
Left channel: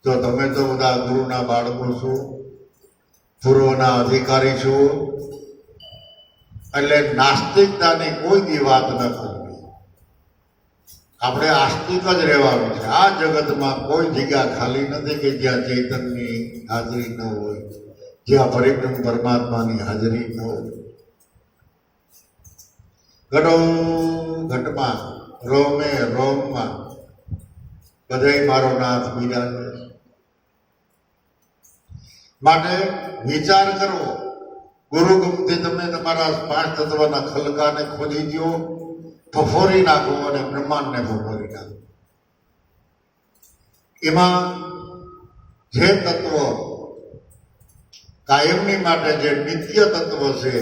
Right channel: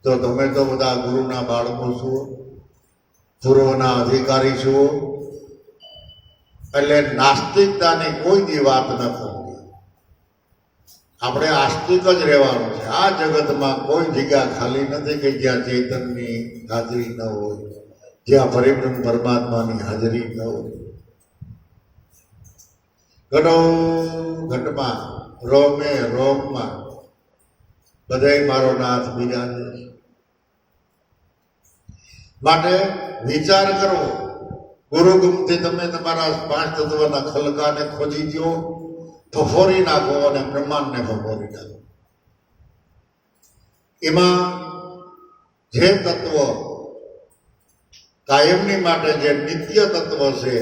તો તમે તો બધા ગુરુના બાળકો છો, પૂર્વના અધિકારી છો, એટલે નાસ્તિકતાની કોઈ દી વાત ન કરવી. આપણે આસ્તિક જ રહેવાનું છે. આ જગતમાં કોઈ જગ્યા ખાલી નથી કે જ્યાં ચૈતન્યની હાજરી ન હોય, જ્યાં પરિબ્રહ્મ પરમાત્માની હાજરી ન હોય. ઘટો ઘટમાં, રોમે રોમમાં બધાય મારો નાથ બિરાજે. માટે વિચાર કરો. ગુરુ ગમથી તમે તમારા 5 તત્વના ખલકાને ખોદી દો, ફફોરી નાખો અને બ્રહ્માંડને ફફોરી નાખો. એમાં જે તત્વ કાયમની માટે જે નિત્ય તત્વ છે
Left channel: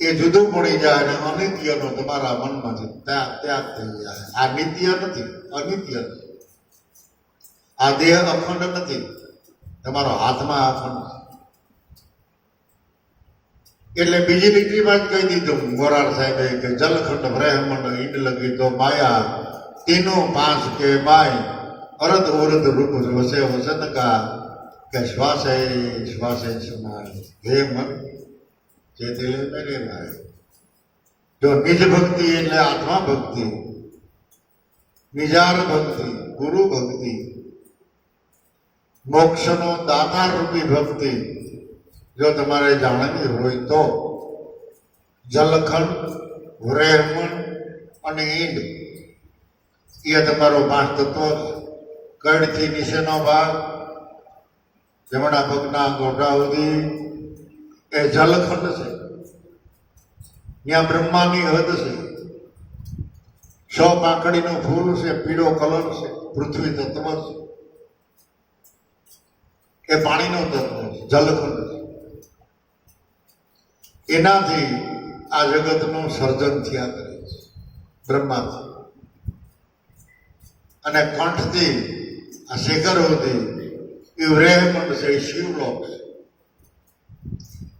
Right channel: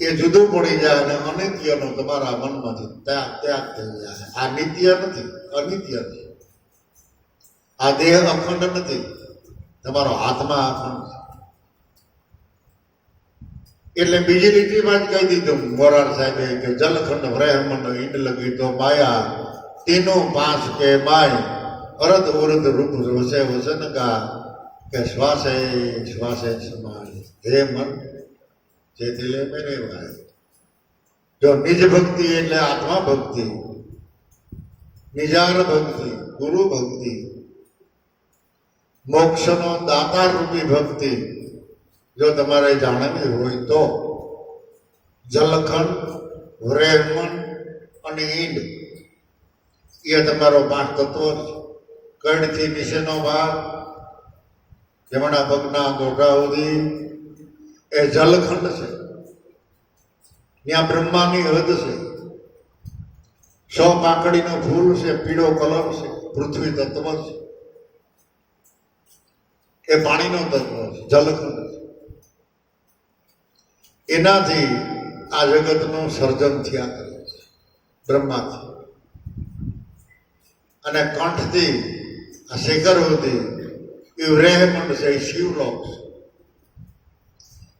એ જુદું પડી જાય અને અનિત્યનો તમારા મનમાંથી ત્યાગ થઈ જાય. આ નિત્ય નથી, અનિત્ય છે. આ દેહ અખંડ નથી, તમારો હાથમાં અખંડ છે. એટલે બીજી લીટીમાં જ કહી દીધું મોરાર સાહેબે કે જલખંડ બ્રહ્મંડ ઈંડ લગી તો માયા તીનો પાંચ કે માય અરધ ઉરધ રૂપ વસે વસન કા કે શ્વાસે શ્વાસે સમાય હે મન જે દિલે મેરે ભાઈ. જો નિજ ભક્તિ એટલે આત્મા ભક્તિ, નિજાન ભક્તિ, ગુરુ ભક્તિ, મોક્ષનો દાતા રૂપી ભક્તિ જો તમારે જાણવી હોય તો જલખંડ બ્રહ્મંડ અને ઈંડ એ તમારો પાંચ તત્વ છે. કડથી નીચેનો ભાગ જમણા પગના ગોઠા સુધી એ જલખંડ છે. ત્યાં બ્રહ્માની હદ છે. 100 કાકડીનું ફૂલ છે, પીળો કલર છે, પૃથ્વી તત્વ છે. એ પાણીનો તત્વ છે, જલખંડ છે. એનાથી આ જગતનું સર્જન થયા કરે છે બ્રહ્માથી. અને કંઠથી આ શેખર સુધી એ રેહમંડ છે, શિવલોક છે.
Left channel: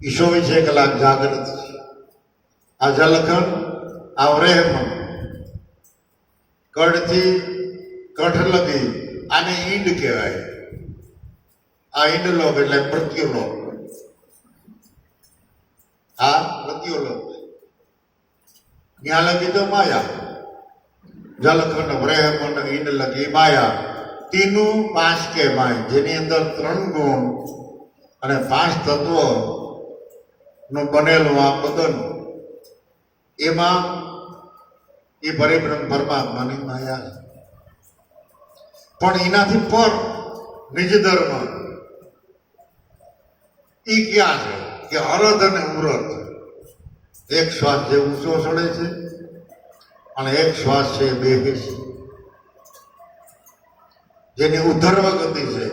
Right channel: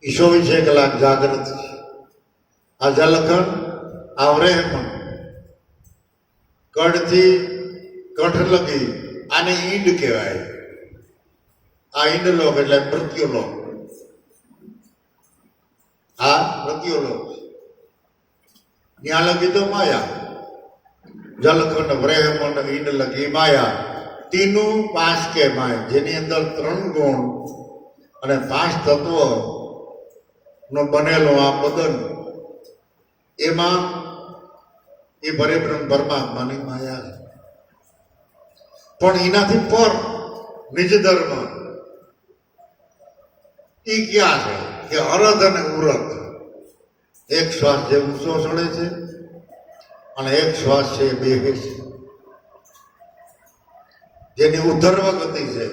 એ 24 કલાક જાગૃત છે. આ જલખંડ, આ રેહમંડ, કડથી કંઠ લગી આને ઈંડ કહેવાય. આ ઈંડલોક એટલે મૃત્યુલોક. આ મૃત્યુલોક છે. ત્યાં લગી તો માયા. જલખંડ બ્રહ્મંડ ઈંડ લગી માયા તીનું પાંચ કે માય, જેની અંદર 3 ગુણ અને 5 તત્વ નો બનેલું આ બદન, એમાં એ પરિબ્રહ્મ પરમાત્માની માયા છે. પણ એનાથી પર નિજ ધર્મ એ ક્યાં છે કે અરધ અને ઉરધ. એક શ્વાસ જે ઊંચો ચડે છે અને એક શ્વાસ છે બેહે છે, જેની ઉધર્વ ગતિ છે,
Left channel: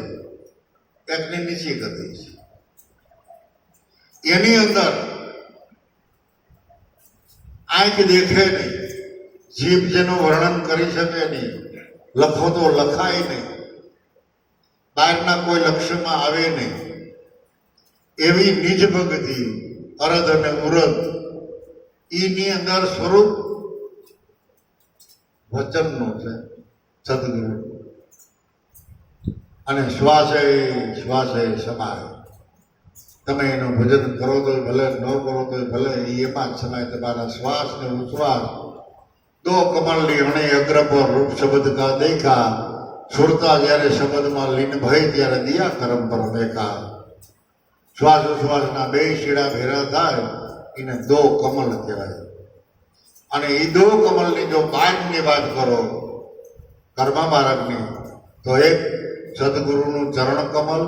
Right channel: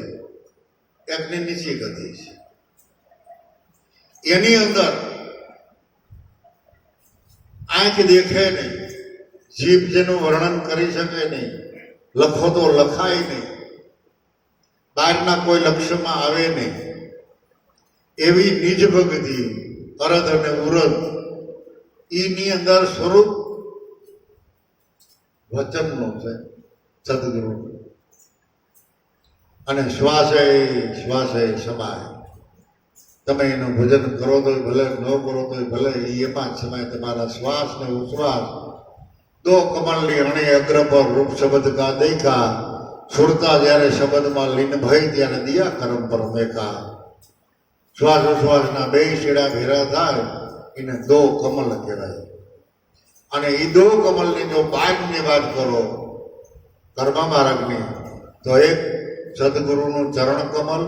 એકની નીચી ગતિ છે. એની અંદર આંખ દેખે નહીં, જીભ જેનું વર્ણન કરી શકે નહીં, લખો તો લખાય નહીં, બહારના કોઈ લક્ષ્યમાં આવે નહીં, એવી નિજ ભક્તિ અરધ અને ઉરધ એની અંદર સ્વરૂપ વચનનું છે સદગુરુ. અને શ્વાસે શ્વાસે સમાય. તમે એનું ભજન કરો તો ભલે, ન કરો તો ભલે, એમાં જ સમય તમારા શ્વાસ ને ઉશ્વાસ દો કમલની અણી અગ્ર પર રૂપ શબ્દ કા દેખા. સુરતા જ્યારે શબ્દમાં લીન ભય ત્યારે દિયા કરમ પર દેખા. શ્વાસ ઉશ્વાસના 2 શેડા ભેરા થાય એને દો કમલ કહેવાય. અને એ દો કમલની જો કાયમની વાત કરો કર્મ માર્ગની, તો એક સદગુરુનું ચરણ કમલ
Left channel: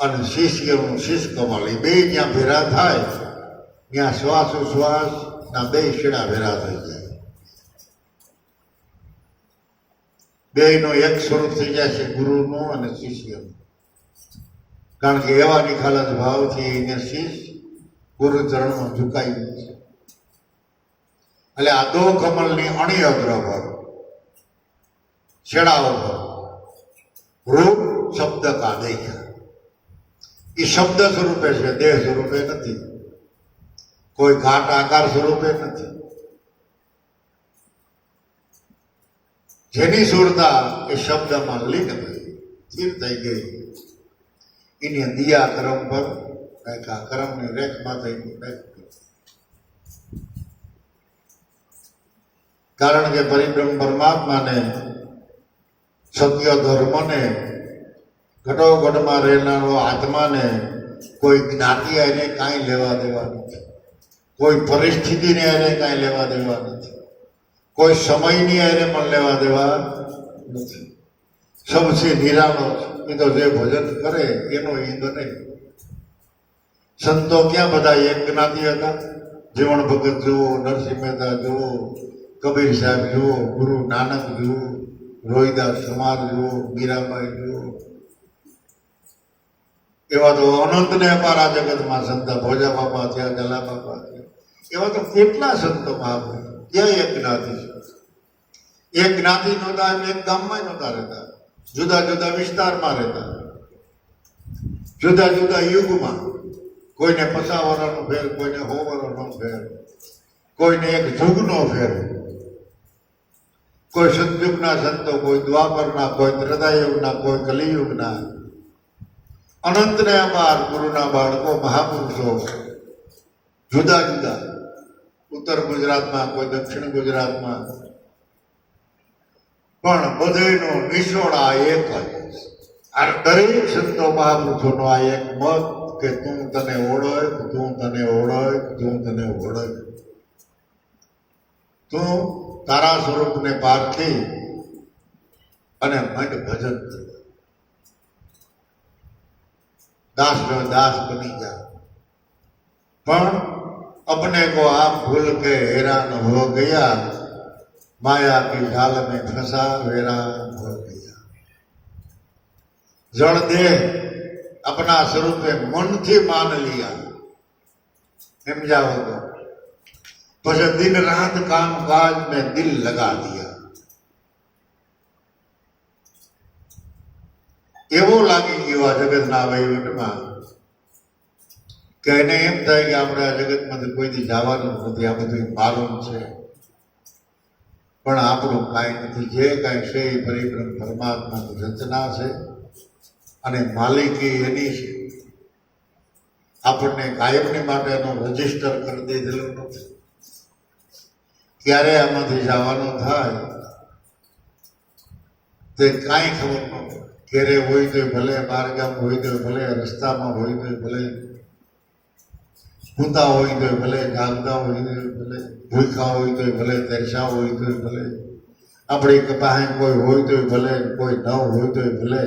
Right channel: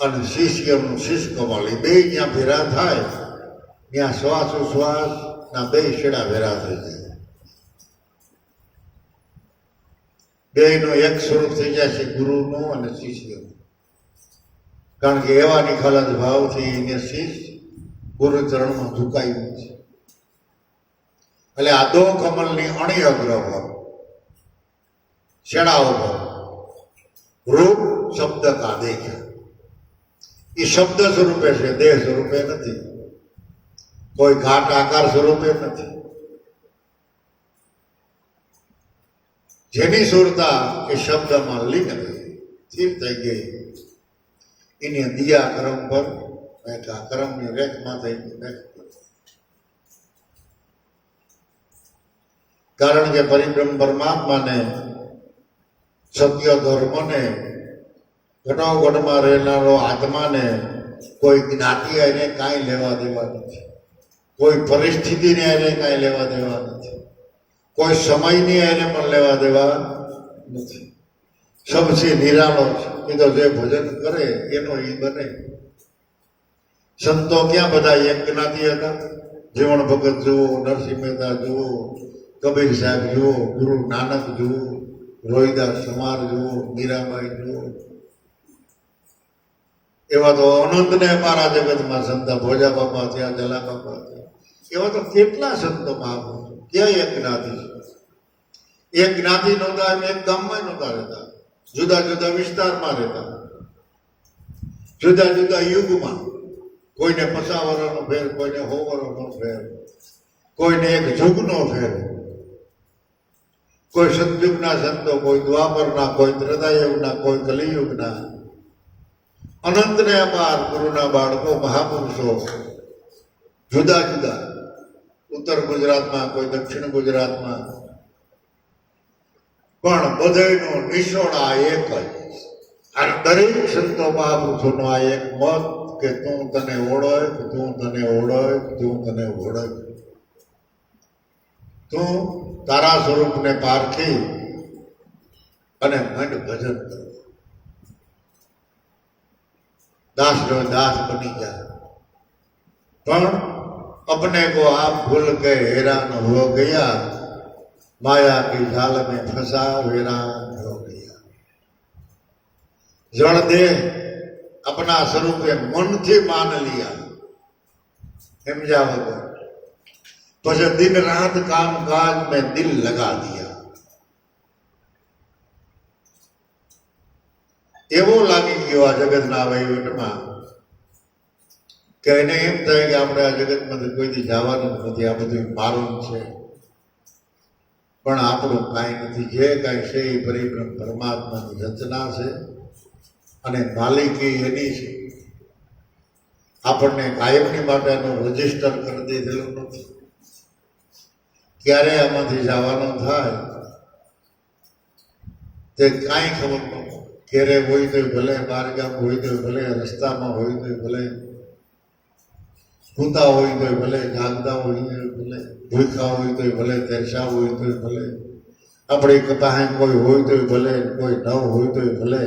અને શિષ્યનું શીશ કમલ, એ 2 જ્યાં ભેરા થાય ત્યાં શ્વાસ ઉશ્વાસના 2 શેડા ભેરા થઈ જાય. 2નું એક સ્વરૂપ થઈ જાય છે, ગુરુનું અને શિષ્યનું. કારણ કે એવા નિખાલસ ભાવથી એને શીશ ગુરુ ચરણમાં ઝુકાયું છે. એટલે આ દો કમલની અણી અગ્ર પર શેડાઓ પર રૂપ શબ્દ કા દેખ્યા. એ શબ્દ સ્વરૂપે છે, દેહ સ્વરૂપે નથી, કોઈ ઘાટ આકાર સ્વરૂપે નથી. જેની સુરતા એ શબ્દમાં લીન ગઈ, સ્થિર થઈ ગઈ, એની દિયા કરમ પર રેખા, કરમની રેખમાં થઈ રેખ. કારણ કે પરિબ્રહ્મ પરમાત્માને, સત્ય ધર્મને, ઘટોઘટમાં રહેનારો આત્માને કોઈ જ્ઞાતિ એને કાંઈ લેવા દેવા નથી, કોઈ પરિસ્થિતિને એને કાંઈ લેવા દેવા નથી, કોઈ સમયની એને પણ લેવા દેવા નથી. સૌથી નિરાલો છે. એ તો જે ભજન કરે એનો એ બને. સંતો ક્યાં બધા એક જ્ઞાતિ હતા? જીવણ ભગત જુઓ, નરસિંહ મહેતા જુઓ, કબીર સાહેબ જુઓ, ગુરુ નાનક જુઓ, રોહિદાસ સમાજ જુઓ, મીરાબાઈ જુઓ. એવા તો અનંતને અમારા જગતમાં સંત ભોજા બાપા થયા, જલા બાપા થયા, એવા તો કેટલા સંતો મહાપુરુષો. ક્યાં એક જ્ઞાતિ છે? એક જ્ઞાતિ નહોતા, એક ગામમાં નહોતા રહેતા, જુદા જુદા વિસ્તારમાં રહેતા, જુદા જુદા યુગમાં. કોઈને 50 વર્ષનો ફેર, કોઈને 100 વર્ષનો ફેર, કોઈને એક યુગનો ફેર. કોઈ સતયુગના સંતો, કોઈ દ્વાપરના, કોઈ ત્રેતાયુગના, કોઈ કલિયુગના. અનંતને અમાર ગુરુના બાળકો મહાપુરુષો જુદા જુદા, ઉત્તર ગુજરાતમાં, કોઈ દક્ષિણ ગુજરાતમાં, પણ બધાયનો નિચોડ આ એક જ. આ દરેક સંતો મહાપુરુષોનો આ એક મત કે તું તને ઓળખ, તું તને ઓળખ, તું તને ઓળખ. તું તારા સ્વરૂપને પારખી અને મંડ ભજન કર. दास जो दास बनी जा, पर अपने को आप भूल के हैरान हो गया, माया की जाल में फंसा हैरान हो गया. जड़ दे अपना स्वरूप मन से मान लिया, समझा होगा. પછી दिन रात काम काज में दिल लगा दिया. એવો લાગી ગયો આ જગતના વહીવટમાં કે એને એમ થાય કે આપણે આ જગતમાંથી કોઈથી જવાનું નથી, આ બધું મારું છે. પણ આપણું કાંઈ નથી. જે કાંઈ છે એ પરિબ્રહ્મ પરમાત્માની રચના છે અને માલિકી એની છે. આપણને કાયમની માટે એનું રજીસ્ટર કરી દીધેલું નથી. ક્યારે આમાંથી જવાનું થાય તે કાંઈ ખબર ન પડે. ઘેરે હોય તો ભલે, બારગામ હોય તો ભલે, રસ્તામાં હોય તો ભલે, સૂતા હોય તો ભલે, જાગતા હોય તો ભલે, ભૂખા હોય તો ભલે, તરસા હોય તો ભલે, આપણી પાસે કોઈ હોય તો ભલે, કોઈ ન હોય તો ભલે.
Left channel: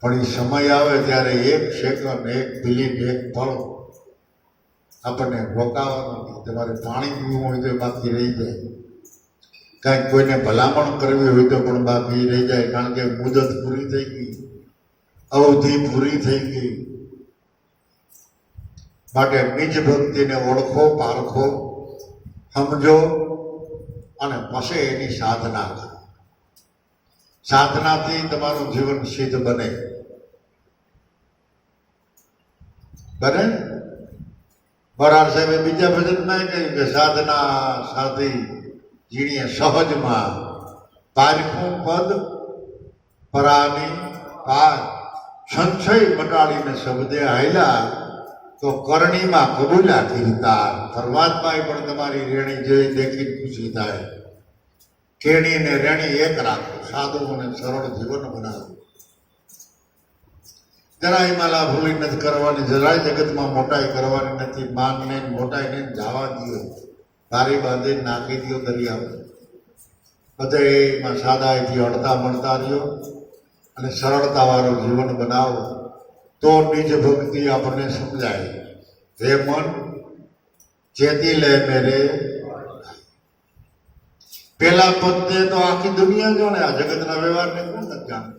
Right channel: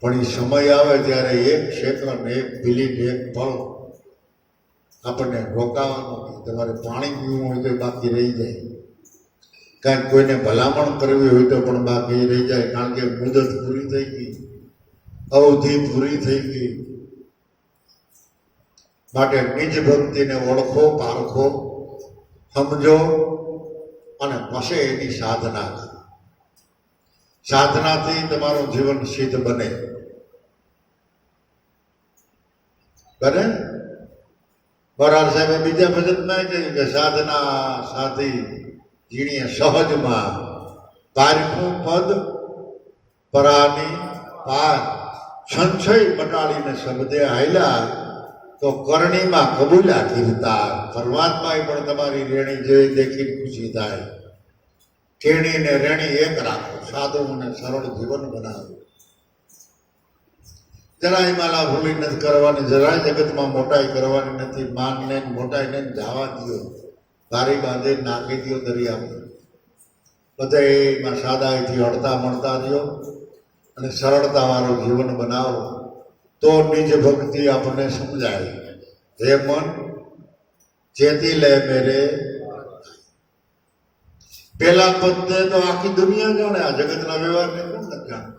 પણ એ સમય આવે ત્યારે એક સેકન્ડ, એક મિનિટ, એક પળ આપણને રોકાવાનો નથી. તમારે પાણી પીવું હોય તો બાકી રહી જાય, કાંઈક કોઈને ભલામણ કરવી હોય તો પણ બાકી રહી જાય. કારણ કે મુદત પૂરી થઈ ગઈ, અવધિ પૂરી થઈ ગઈ. માટે નિજ ભક્તિને ઓળખો, પારખો, સમજો અને પછી એની સાધના કરો. સાધનાથી તમારું જીવન સિદ્ધ બને. બને બરાર સાહેબે બીજા ભજનમાં કહ્યું કે સાધના સાધી જીણીએ સહજમાં, પારખું પદ પરાની પાર. સંશય બનાડીને શબ્દે હાલ્યા તો કરણીમાં કબૂલ્યા કીર્તાર. પરમાત્માએ પણ તમારી રેણી જોઈ દેખીને ખુશી થાય. કેણી ને રેણી એક રાખો, સાદું અને સરળ જીવન બનાવો. જરાય માલા ભૂલી નથી કરવાની, જરાય જગતમાં મોટાઈ કરવાની નથી. માનને મોટાઈને જવા દો, તારી બાંધીને નાખી દો દરિયામાં. બધામાં સાદાઈથી હળતા મળતા રહ્યો અને સરળતાવાળું જીવન બનાવો. તો નિજ ભક્તિ આપણને સમજાય. હે મન ચેતી લે મેરે. પેલા પદને તો આખી દુનિયા જાણે, આ જગતના વ્યવહારને કોણ નથી જાણે.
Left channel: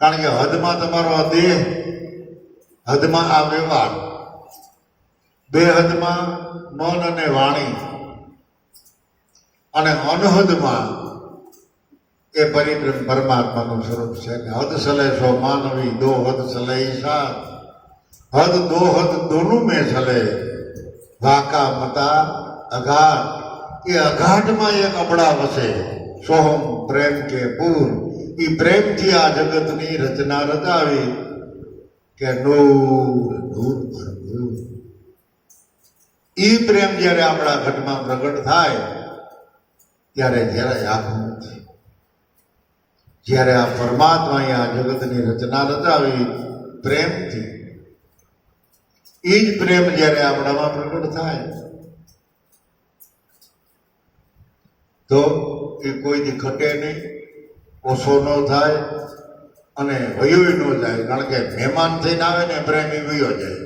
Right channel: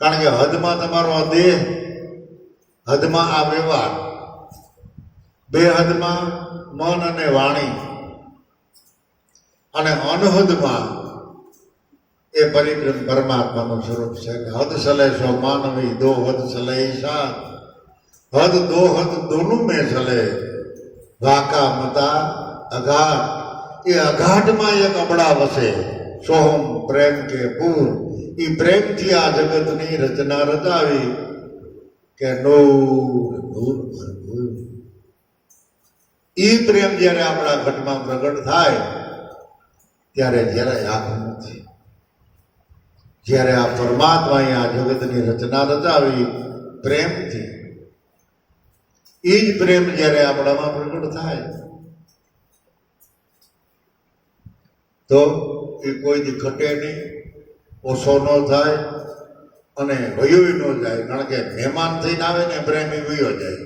કારણ કે હદમાં તમારો દેહ, હદમાં આ વ્યવહાર, બે હદમાં મન અને વાણી, અને અનહદમાં એ પરિબ્રહ્મ પરમાત્માનું સ્વરૂપ છે. હદ ચલે સો માનવી, દો હદ ચલે ઈશા, હદ દો હદ દોનું મેં ચલે, વાકા મતા અઘાટ. એ અઘાટમાં એક અબડા વસે, સોહમ પ્રેમ કે પૂર. એ પ્રેમથી આ જગતની રચના રચાવી કે નૂર નૂર ભરપૂર. એ પ્રેમ જ્યારે આપણા ઘટમાં પ્રગટ થાય ત્યારે જરાય આખું નથી. જ્યારે આ પરમાત્માએ આ જગતની રચના રચાવી પ્રેમથી, એ જ પ્રેમ જ્યારે આપણામાં પ્રગટ થાય તો એ કોઈથી ઘટે નહીં, ઓછો ન થાય અને વયો ન જાય. કારણ કે મહેમાન થઈને આવે ને પ્રેમ એ વયો જાય.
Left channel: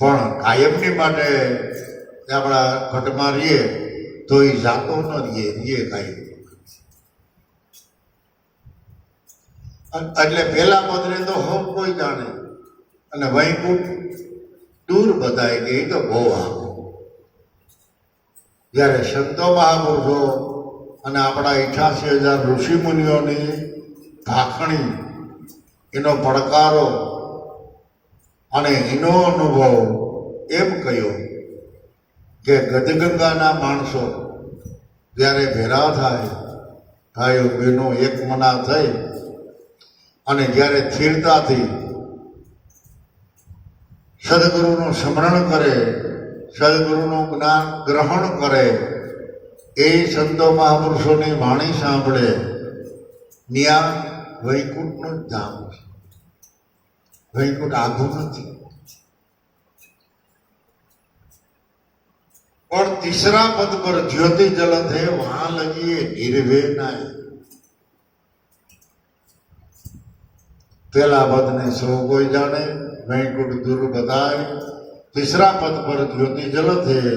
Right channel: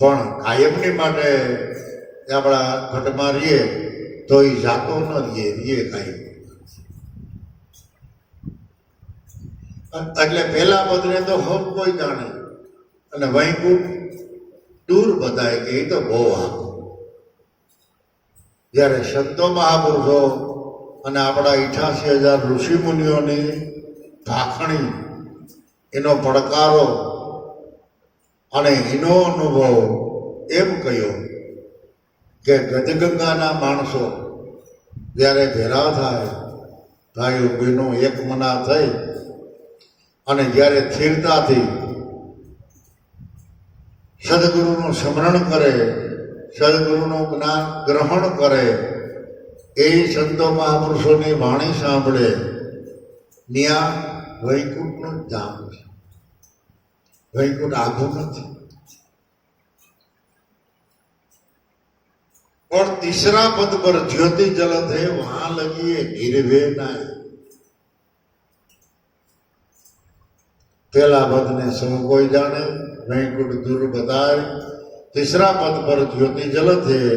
પણ કાયમની માટે આપણા ઘટમાં રહીએ તો એ જાતો ન રહીએ કાયમ. એટલે પેલા પદને તો હમ કોઈ જાણે, અને વૈકુંઠ દૂર બધાય કે એ તો બહુ આગળ. જ્યારે સંતો મહાપુરુષો અને આપણા 88,000 ઋષિમુનિઓની ભાખણી, એનો પડકારો અને એનો અનુભવ એમ કહ્યો કે ગદગંગાના માણસો જ્યારે ભેરા થાય, ભાઈઓ બહેનો એક મના થઈ અને જ્યારે સ્થિરતાથી સદગુરુનું સ્મરણ કરે, સદગુરુનું જ્ઞાન ગ્રહણ કરે, એ સંતો મહાપુરુષોની વાણી સાંભળે, ત્યાં વૈકુંઠનું જ ધામ છે. વૈકુંઠ આઘું નથી. और तीसरा पद पर ज्योति जलत है, वहां लगी है निर्भय नाय. पहला पद ने सौ कोई जाने, वैकुंठ दूर बताए. तीसरा पद पर ज्योति जलत है,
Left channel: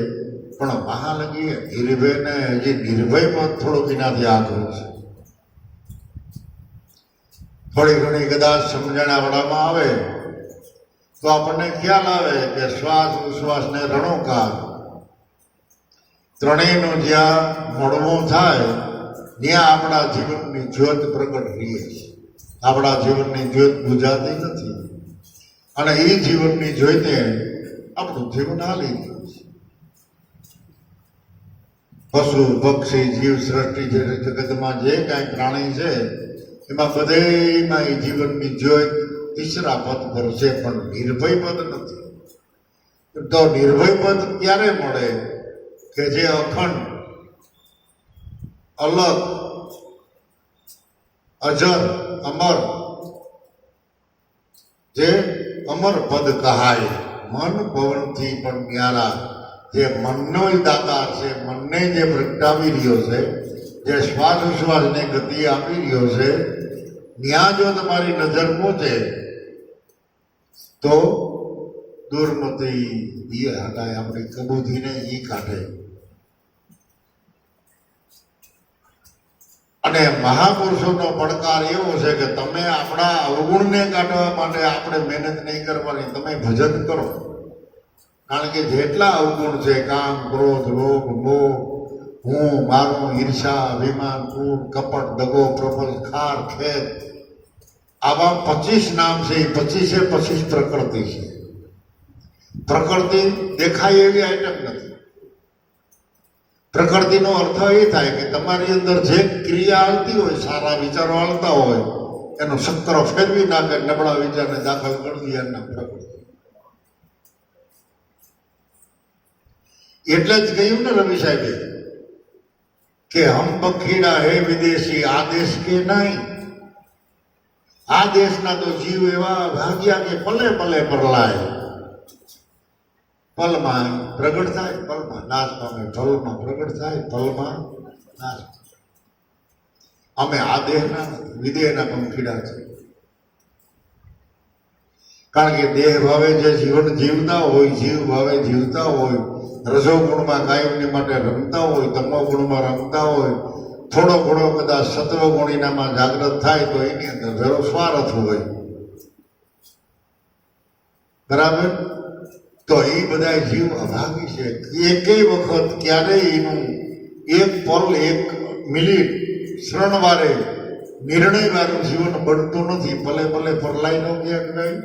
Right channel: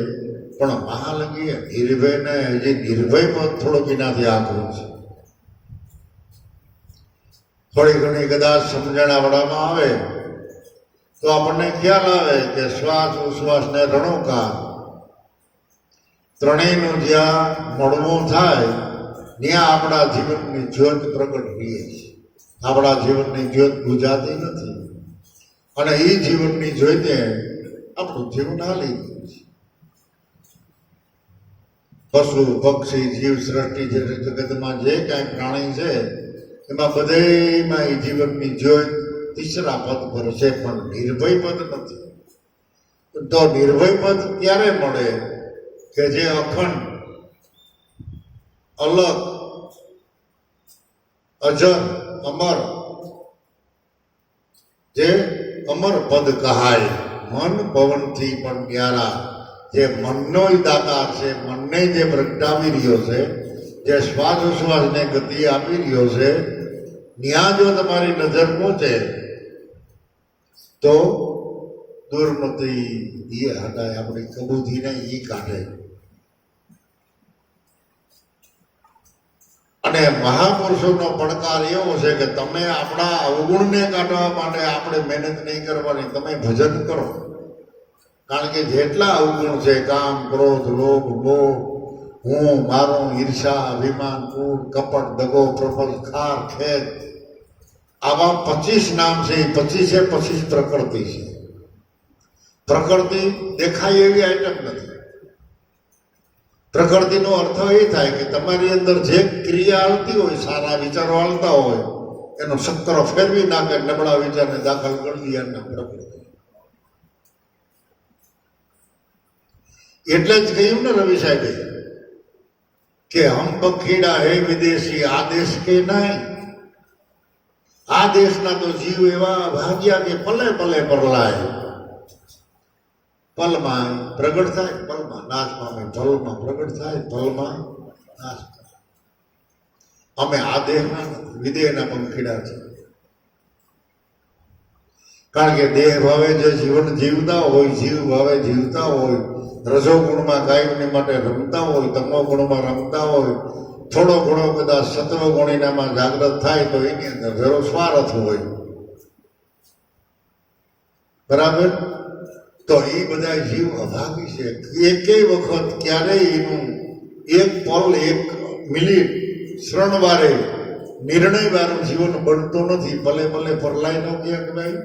पण वहां लगी है निर्भय नाय. हजी निर्भय पद थोड़ो बिनाथी आकरो छे. थोड़ी घणी कदाच समझणावडामां आवे तो आपने ख्याल आवे कि श्वास उश्वास ने रणोकार ત્રણેયનું જ્યાં મળવું થાય ત્યાં આપણા જીવનની જ્યોત પ્રગટ રહીએ છે. આપણા જીવનની જ્યોત બુઝાતી નથી, અને એ જીવનની જોઈને આપણું જીવન હાલી ગયું છે. પશુ પક્ષી જીવ સૃષ્ટિ જે જગતમાં જે કાંઈ પ્રાણી છે એમાં બધેમાં એ જીવનની જ્યોત તીસરા પદ પર છે, પણ નિર્ભય પદ નથી. તો નિર્ભય પદ ક્યારે મળે કે જે અખંડ, અલગ, અજર, અમર, જે અમર પદ કહાય. મન પવનથી પણ ન્યારા, જે મનનો દાતા છે, મનને જે પ્રગટાવી રહ્યો છે, જે શ્વાસ ઉશ્વાસને ગતિ આપી રહ્યો છે, ત્યાં જો તમારી નજર પહોંચે તો દુર્મતી એ હટાય, આપણી કબૂધીને એ કાઢે. અને મહાપુરુષોનો પડકાર એવો છે કે તમે આપણા અવગુણને કાઢવા માટે આપણે મહેનત નહીં કરવાની, તમે ભજન કરો. કારણ કે જેટલા અવગુણ છે, કામ, ક્રોધ, લોભ, મોહ, હું, મારું, ઈર્ષા, અભિમાન, ક્રોધ, કપટ, દગો, પ્રબલ, ખાર, ખેદ, આવા 25 નામ છે. 25 પ્રકૃતિ છે. પ્રકૃતિ દેખાય એવી આઈટમ નથી. પ્રકૃતિનો અર્થ એ થાય કે તમારી અંદર જે ક્રિયા હાલતી હોય, સારા વિચારો હાલતા હોય, એનો ચક્ર ફેરવી નાખે, નબળા વિચારને દાખલ કરી દે, એના પ્રકૃતિ. એટલે જ કહ્યું ને રવિ સાહેબે કે હમ પખીડા હે વિદેશી, આ દેશ કે નહીં. આ દેશના તો જીવ એવા ભાગ્યા કે પલે પલે પરલાય. પલમાં પ્રગટ થાય, પલમાં નાશ પામે, પલમાં પ્રગટ થાય, પલમાં નાશ પામે. અમે આ દેહના વિદેહના પંખીડા છે. કારણ કે દેહ ભાવે જે જીવન જીવતા હોય, જીવ ભાવે જીવતા હોય, રજોગુણમાં કાયમને માટે રમતા હોય, તમો ગુણમાં રમતા હોય, થોડો ઘણો કદાચ સત્વ ગુણીનામાં જાગૃત થાય તો એની અંદર ભેરો સ્વાર્થ હોય. બરાબર? તો એ બધા જીવ અભાગી છે. એકેય વખત ક્યારેય એનું એક પલ, એક મિનિટ, ક્ષણવારે, નિર્ણયવાળું જીવન બનતું નથી. ભલે ભલે ફરલાઈ ન ગયા ભાઈ.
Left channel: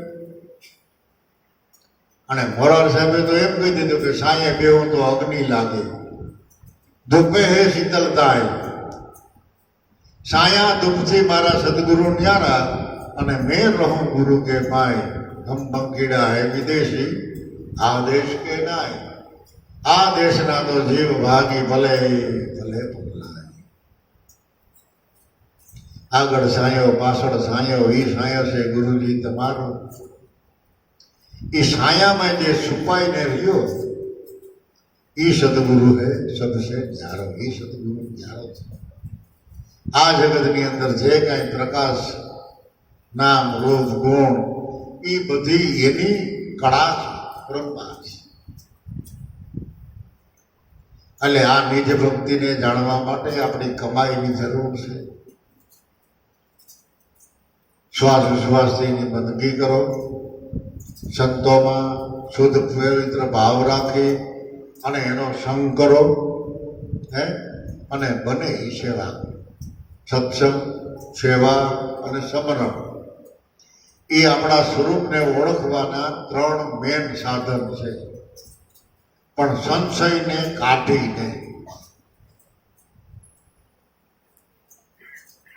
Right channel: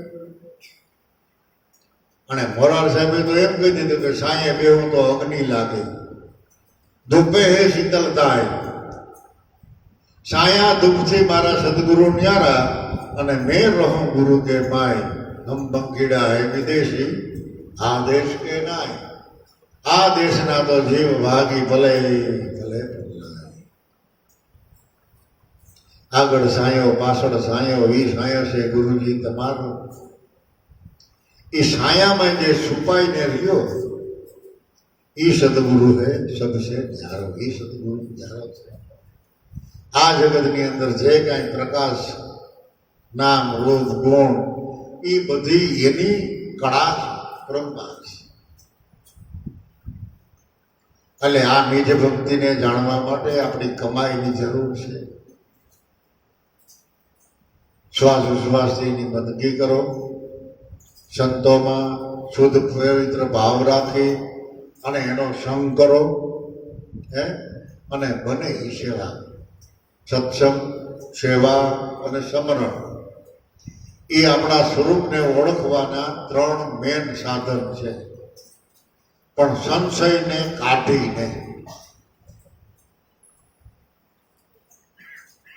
અને મોરાર સાહેબે તો એમ કહી દીધું કે સાંયે બેહું તો અગ્નિ લાગે, ધૂપે હે શીતલતાય. સાયા ધૂપથી મારા સદગુરુ ન્યારા, અને મેં રહું ગુરુ કે માય. હમ પંખીડા હે વિદેશી, આ દેશ કે નાય. આ દેશના તો જીવ ભાગી ભલે ભલે ભલાય. આગળ સાયો, પાછળ સાયો, ઈ સાયો છે ગુરુજી તમારો. એ સાયામાં જે છુપાઈને રહ્યો એ સદગુરુ હે સબસે ન્યારો. એ સદગુરુ ન્યારો છે. આ જગતની અંદર જે કાંઈ પ્રકાશ, નામ, રૂપ, ગુણ, એ બધી એની કળા છે, બ્રહ્મા છે. એટલે આ નિજ ભક્તિને જાણવા માટે આપણી કમાઈની જરૂર છે. શ્વાસ ઉશ્વાસથી બંદગી કરો, સંતોમાં શુદ્ધ પવિત્ર ભાવ રાખી અને એનો સંગ કરો, હે, અને બને એ સેવા. સત્સંગ, સેવા અને સમરણ એ આપણા સ્વરૂપને ઓળખવાના 3 મેન સાધન છે. પણ સંશયને કાઢીને,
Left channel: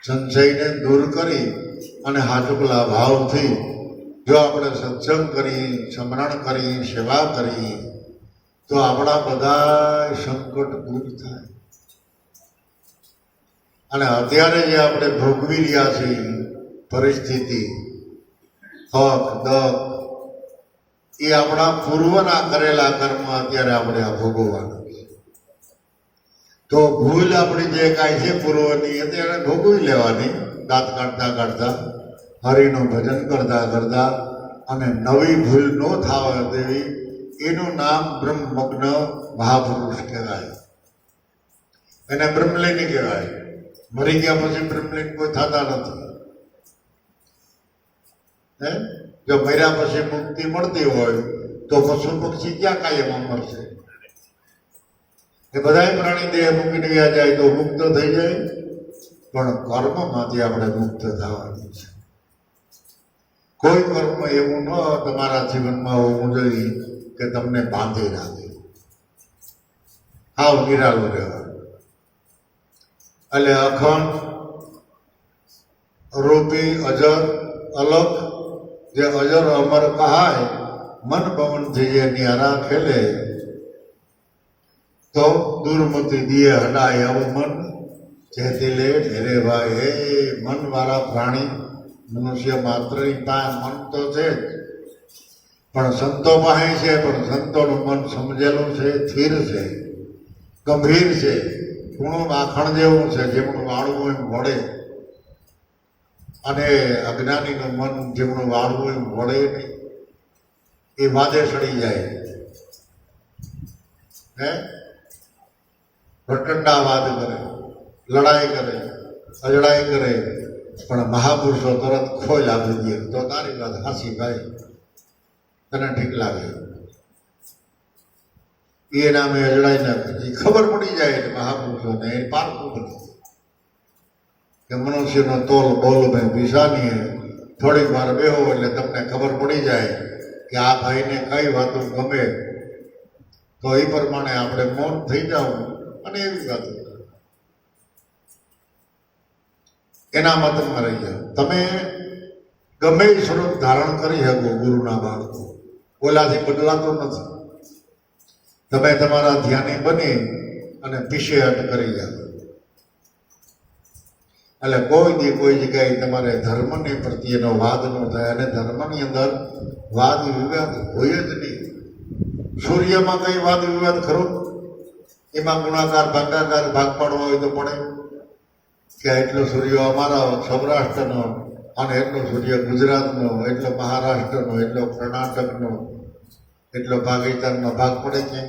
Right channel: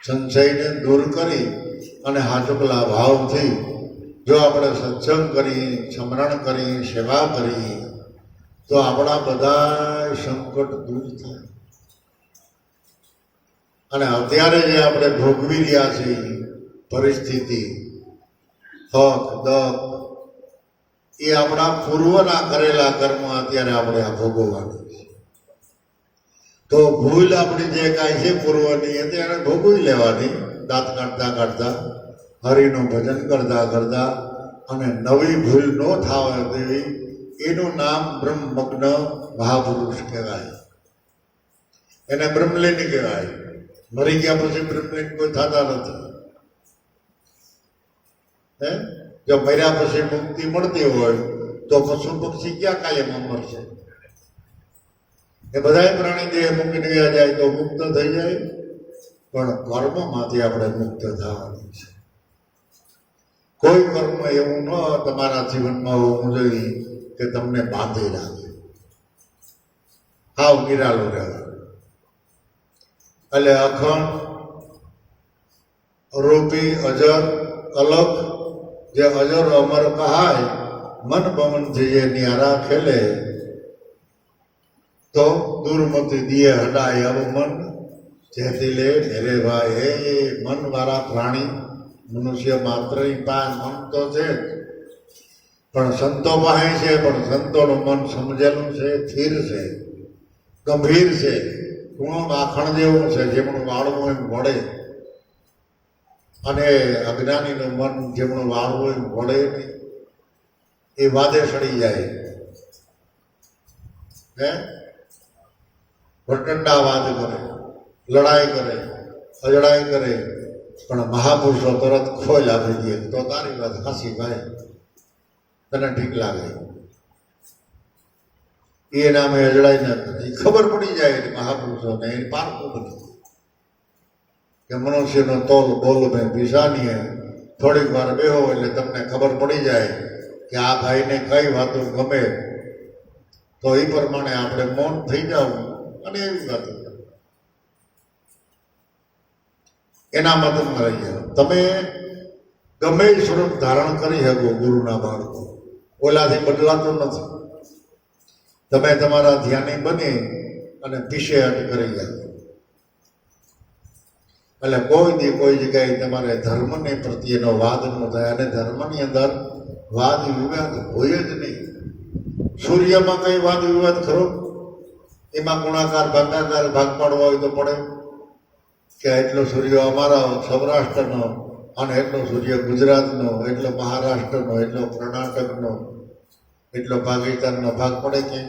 સંશયને દૂર કરી અને હાજુકલા ભાવથી જો આપણે સત્સંગ કરીએ, સ્મરણ કરીએ, સેવા કરીએ તો આપણા બધા સંકટ દૂર થાય. અને અત્યારે જે આપણે ભોગવી રહ્યા છીએ પરિસ્થિતિ, હક દક, એ આપણા પૂર્વના કરેલા કર્મ અત્યારે આપણે આ ભોગવવાના છે. તો ભૂલ આપણી જે કાંઈ છે પૂર્વની એ એને ભોગવી લેવાની, દાંત કાઢતા કાઢતા, હરિનું ભજન કરતા કરતા, અને નવી ભૂલ ન થવા દેવી. એનું નામ બ્રહ્મમગ્ન મહાપુરુષ કહેવાય, એને બ્રહ્મલીન કહેવાય. મરી ગયા પછી બ્રહ્મલીન કોઈ થતા નથી. હે, જો મર્યા પછી મુક્તિ મળતી હોય તો પશુ પક્ષી ક્યાં કાયમ મરશે? એ બધા પ્રાણી દેહ મૂકીને ગયા જાય તો મુક્ત થઈ જાય. પણ કર્મમાંથી આપણે મુક્ત થવાનું છે. કોઈ કર્મ એવું ન તમારા જીવનમાં હોવું જોઈએ કે તમને બાંધી રાખે. હાવ નિરાલું રહેવાનું. એટલે અખંડ રૂપી અજર અલગ, જે અજર અમર કહાય, મન પવન જે ન્યારા ખેલે તો દુર્મતી દિયે હડાય આવું મન જેથી લે મેરે ભાઈ. હે મન વાળા પ્રાણી, મનુષ્ય માત્રની પાસે મન તો છે જ, પણ સંતો પાસે છે. પણ સંતોનું મન સમજેલું છે, સ્થિર છે, ગંભીર છે, પૂર્ણ માખણ જેવું છે, જેમનું વાળવું એમ વળે. અને અજ્ઞાનીનું મન જેમનું વાળવું એમ વળે નહીં, એ વાદે સડી જાય. હે, પ્રચંડાવાદ કરે, લડાઈ કરે, અજડાઈ કરે, પણ મહાપુરુષો તરત ખોઈ લાવી દે. તો તારી વાત હાસી ભાઈ, તને ઠીક લાગે. એ નામે અજડાઈ ના કરે. ખબર પડી જાય કે મહાપુરુષોને એ પારકું બની કે મનુષ્યનો તોલ બોલ મેં વિસાનીએ. થોડીક વાર બેહો એટલે તમને ખબર પડી જાય કે આ ભાઈને કઈ વાતો ગમે, તો એ પ્રમાણે આપણે મૌન થઈ જવું અને એવી વાતો એના મતમાં રહી જાઓ. તમે ગમે એ સ્વરૂપ ધારણ કરી શકો ગુરુના બાળકો, ઓલાથી બદલાતો નથી. તમે તમારા ધ્યાને બની અને પીછે હટ કરી જાઓ. એટલે કોઈ દી કોઈ જગ્યાએ તમારે ધર્મને પ્રત્યેનો વાદ ન થાય. અને ધર્મની અંદર વાદ વિવાદ હોય જ નહીં. સૂર્યમાં કઈ વાદ વિવાદ ખરો? એમાં ગુણાકાર ભાગાકાર ભાગ પાડવા હોય તો પડે કે એટલો સૂર્ય અમારા સૌરાષ્ટ્રનો અને એટલો સૂર્ય ગુજરાતનો, એટલો મહારાષ્ટ્રનો, એટલો કર્ણાટકનો, એટલો પાકિસ્તાનનો ભાગ પડે કે?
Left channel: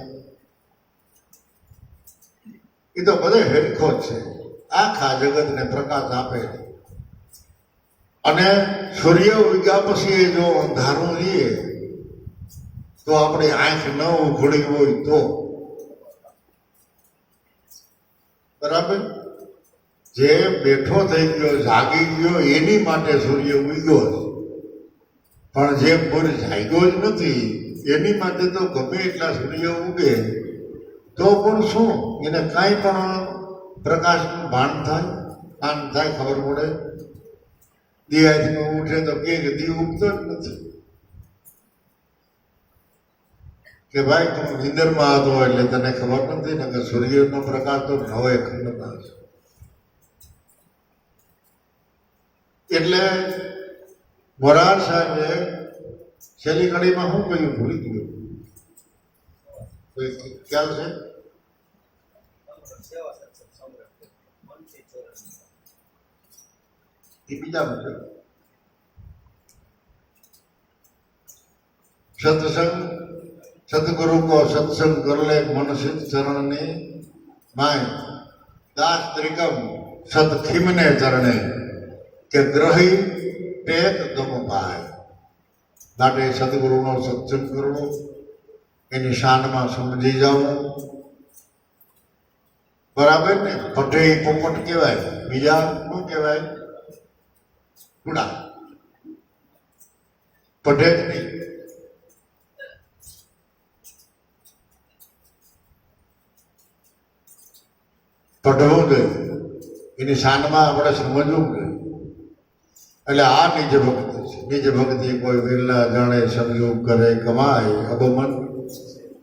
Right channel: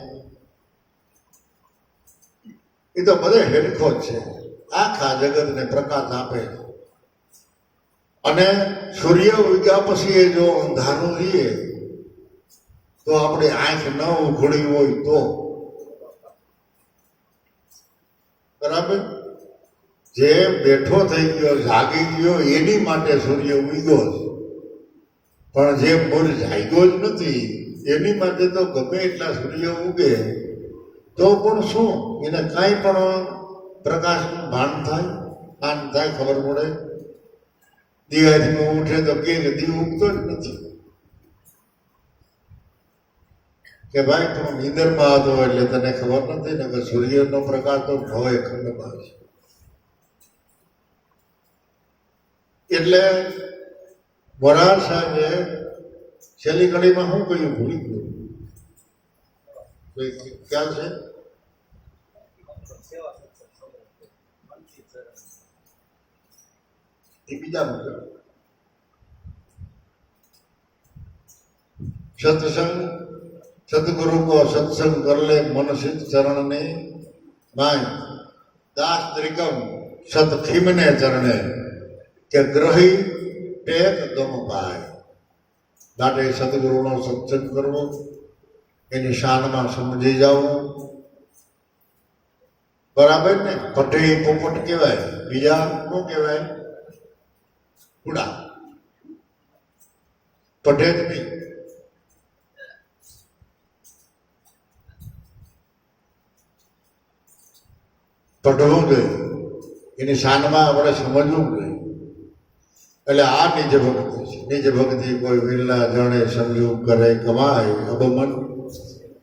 એ તો બધે હેરખો જ છે. આખા જગતને પ્રકાશ આપે. અને સૂર્ય ઉગ્યા પછી જો અંધારું રહીએ તો આપણે આંખ ન ઉઘડી હોય તો બરાબર. જે બેઠો થઈ ગયો, જાગી ગયો, એની માટે સૂર્ય ઉગ્યો છે. પણ જે મૂળ જાગ્યો જ નથી એની માટે તો ગમે એટલા સૂર્ય ઉગે તો પણ શું, એને કાંઈ પણ પ્રકાશનું ભાન થાય, ભાન થાય, ખબર પડે. દિયાજમાં ઉઠે તો કે દી ઉગતો જ નથી કે ભાઈ તું નિંદરમાં હતો એટલે તને ખબર નથી ને કે સૂર્યનો પ્રકાશ તો નવે ખંડમાં છે. એટલે વરાળ સાહેબે છેલ્લી ઘડીમાં શું કહ્યું ભૂલી ગયું? કોઈ ખ્યાલ છે? એ બીજા મુજબ સત્સંગ સદગુરુ કો સત્સંગ કર લે મન સિદ્ધ ચરણ ને માય દાસ ત્રિકમ સત ખીમને ચરણે કે ગ્રહી ટેક ગમો ભાઈ માટે સદગુરુનો સત્સંગ કરવો, એની શાનમાં સમજી જવું, બરાબર ને. પટે પોપટ કહેવાય, બીજા શું કહેવાય? કુડા. પટે જ નહીં. પઢવું જોઈએ, એની શાનમાં આપણે સમજવું જોઈએ. એટલે આ નિજ ભક્તિ છે. નિજ ભક્તિ કોઈ વિરલા જાણે સંયોગ કરે કમાય અબમન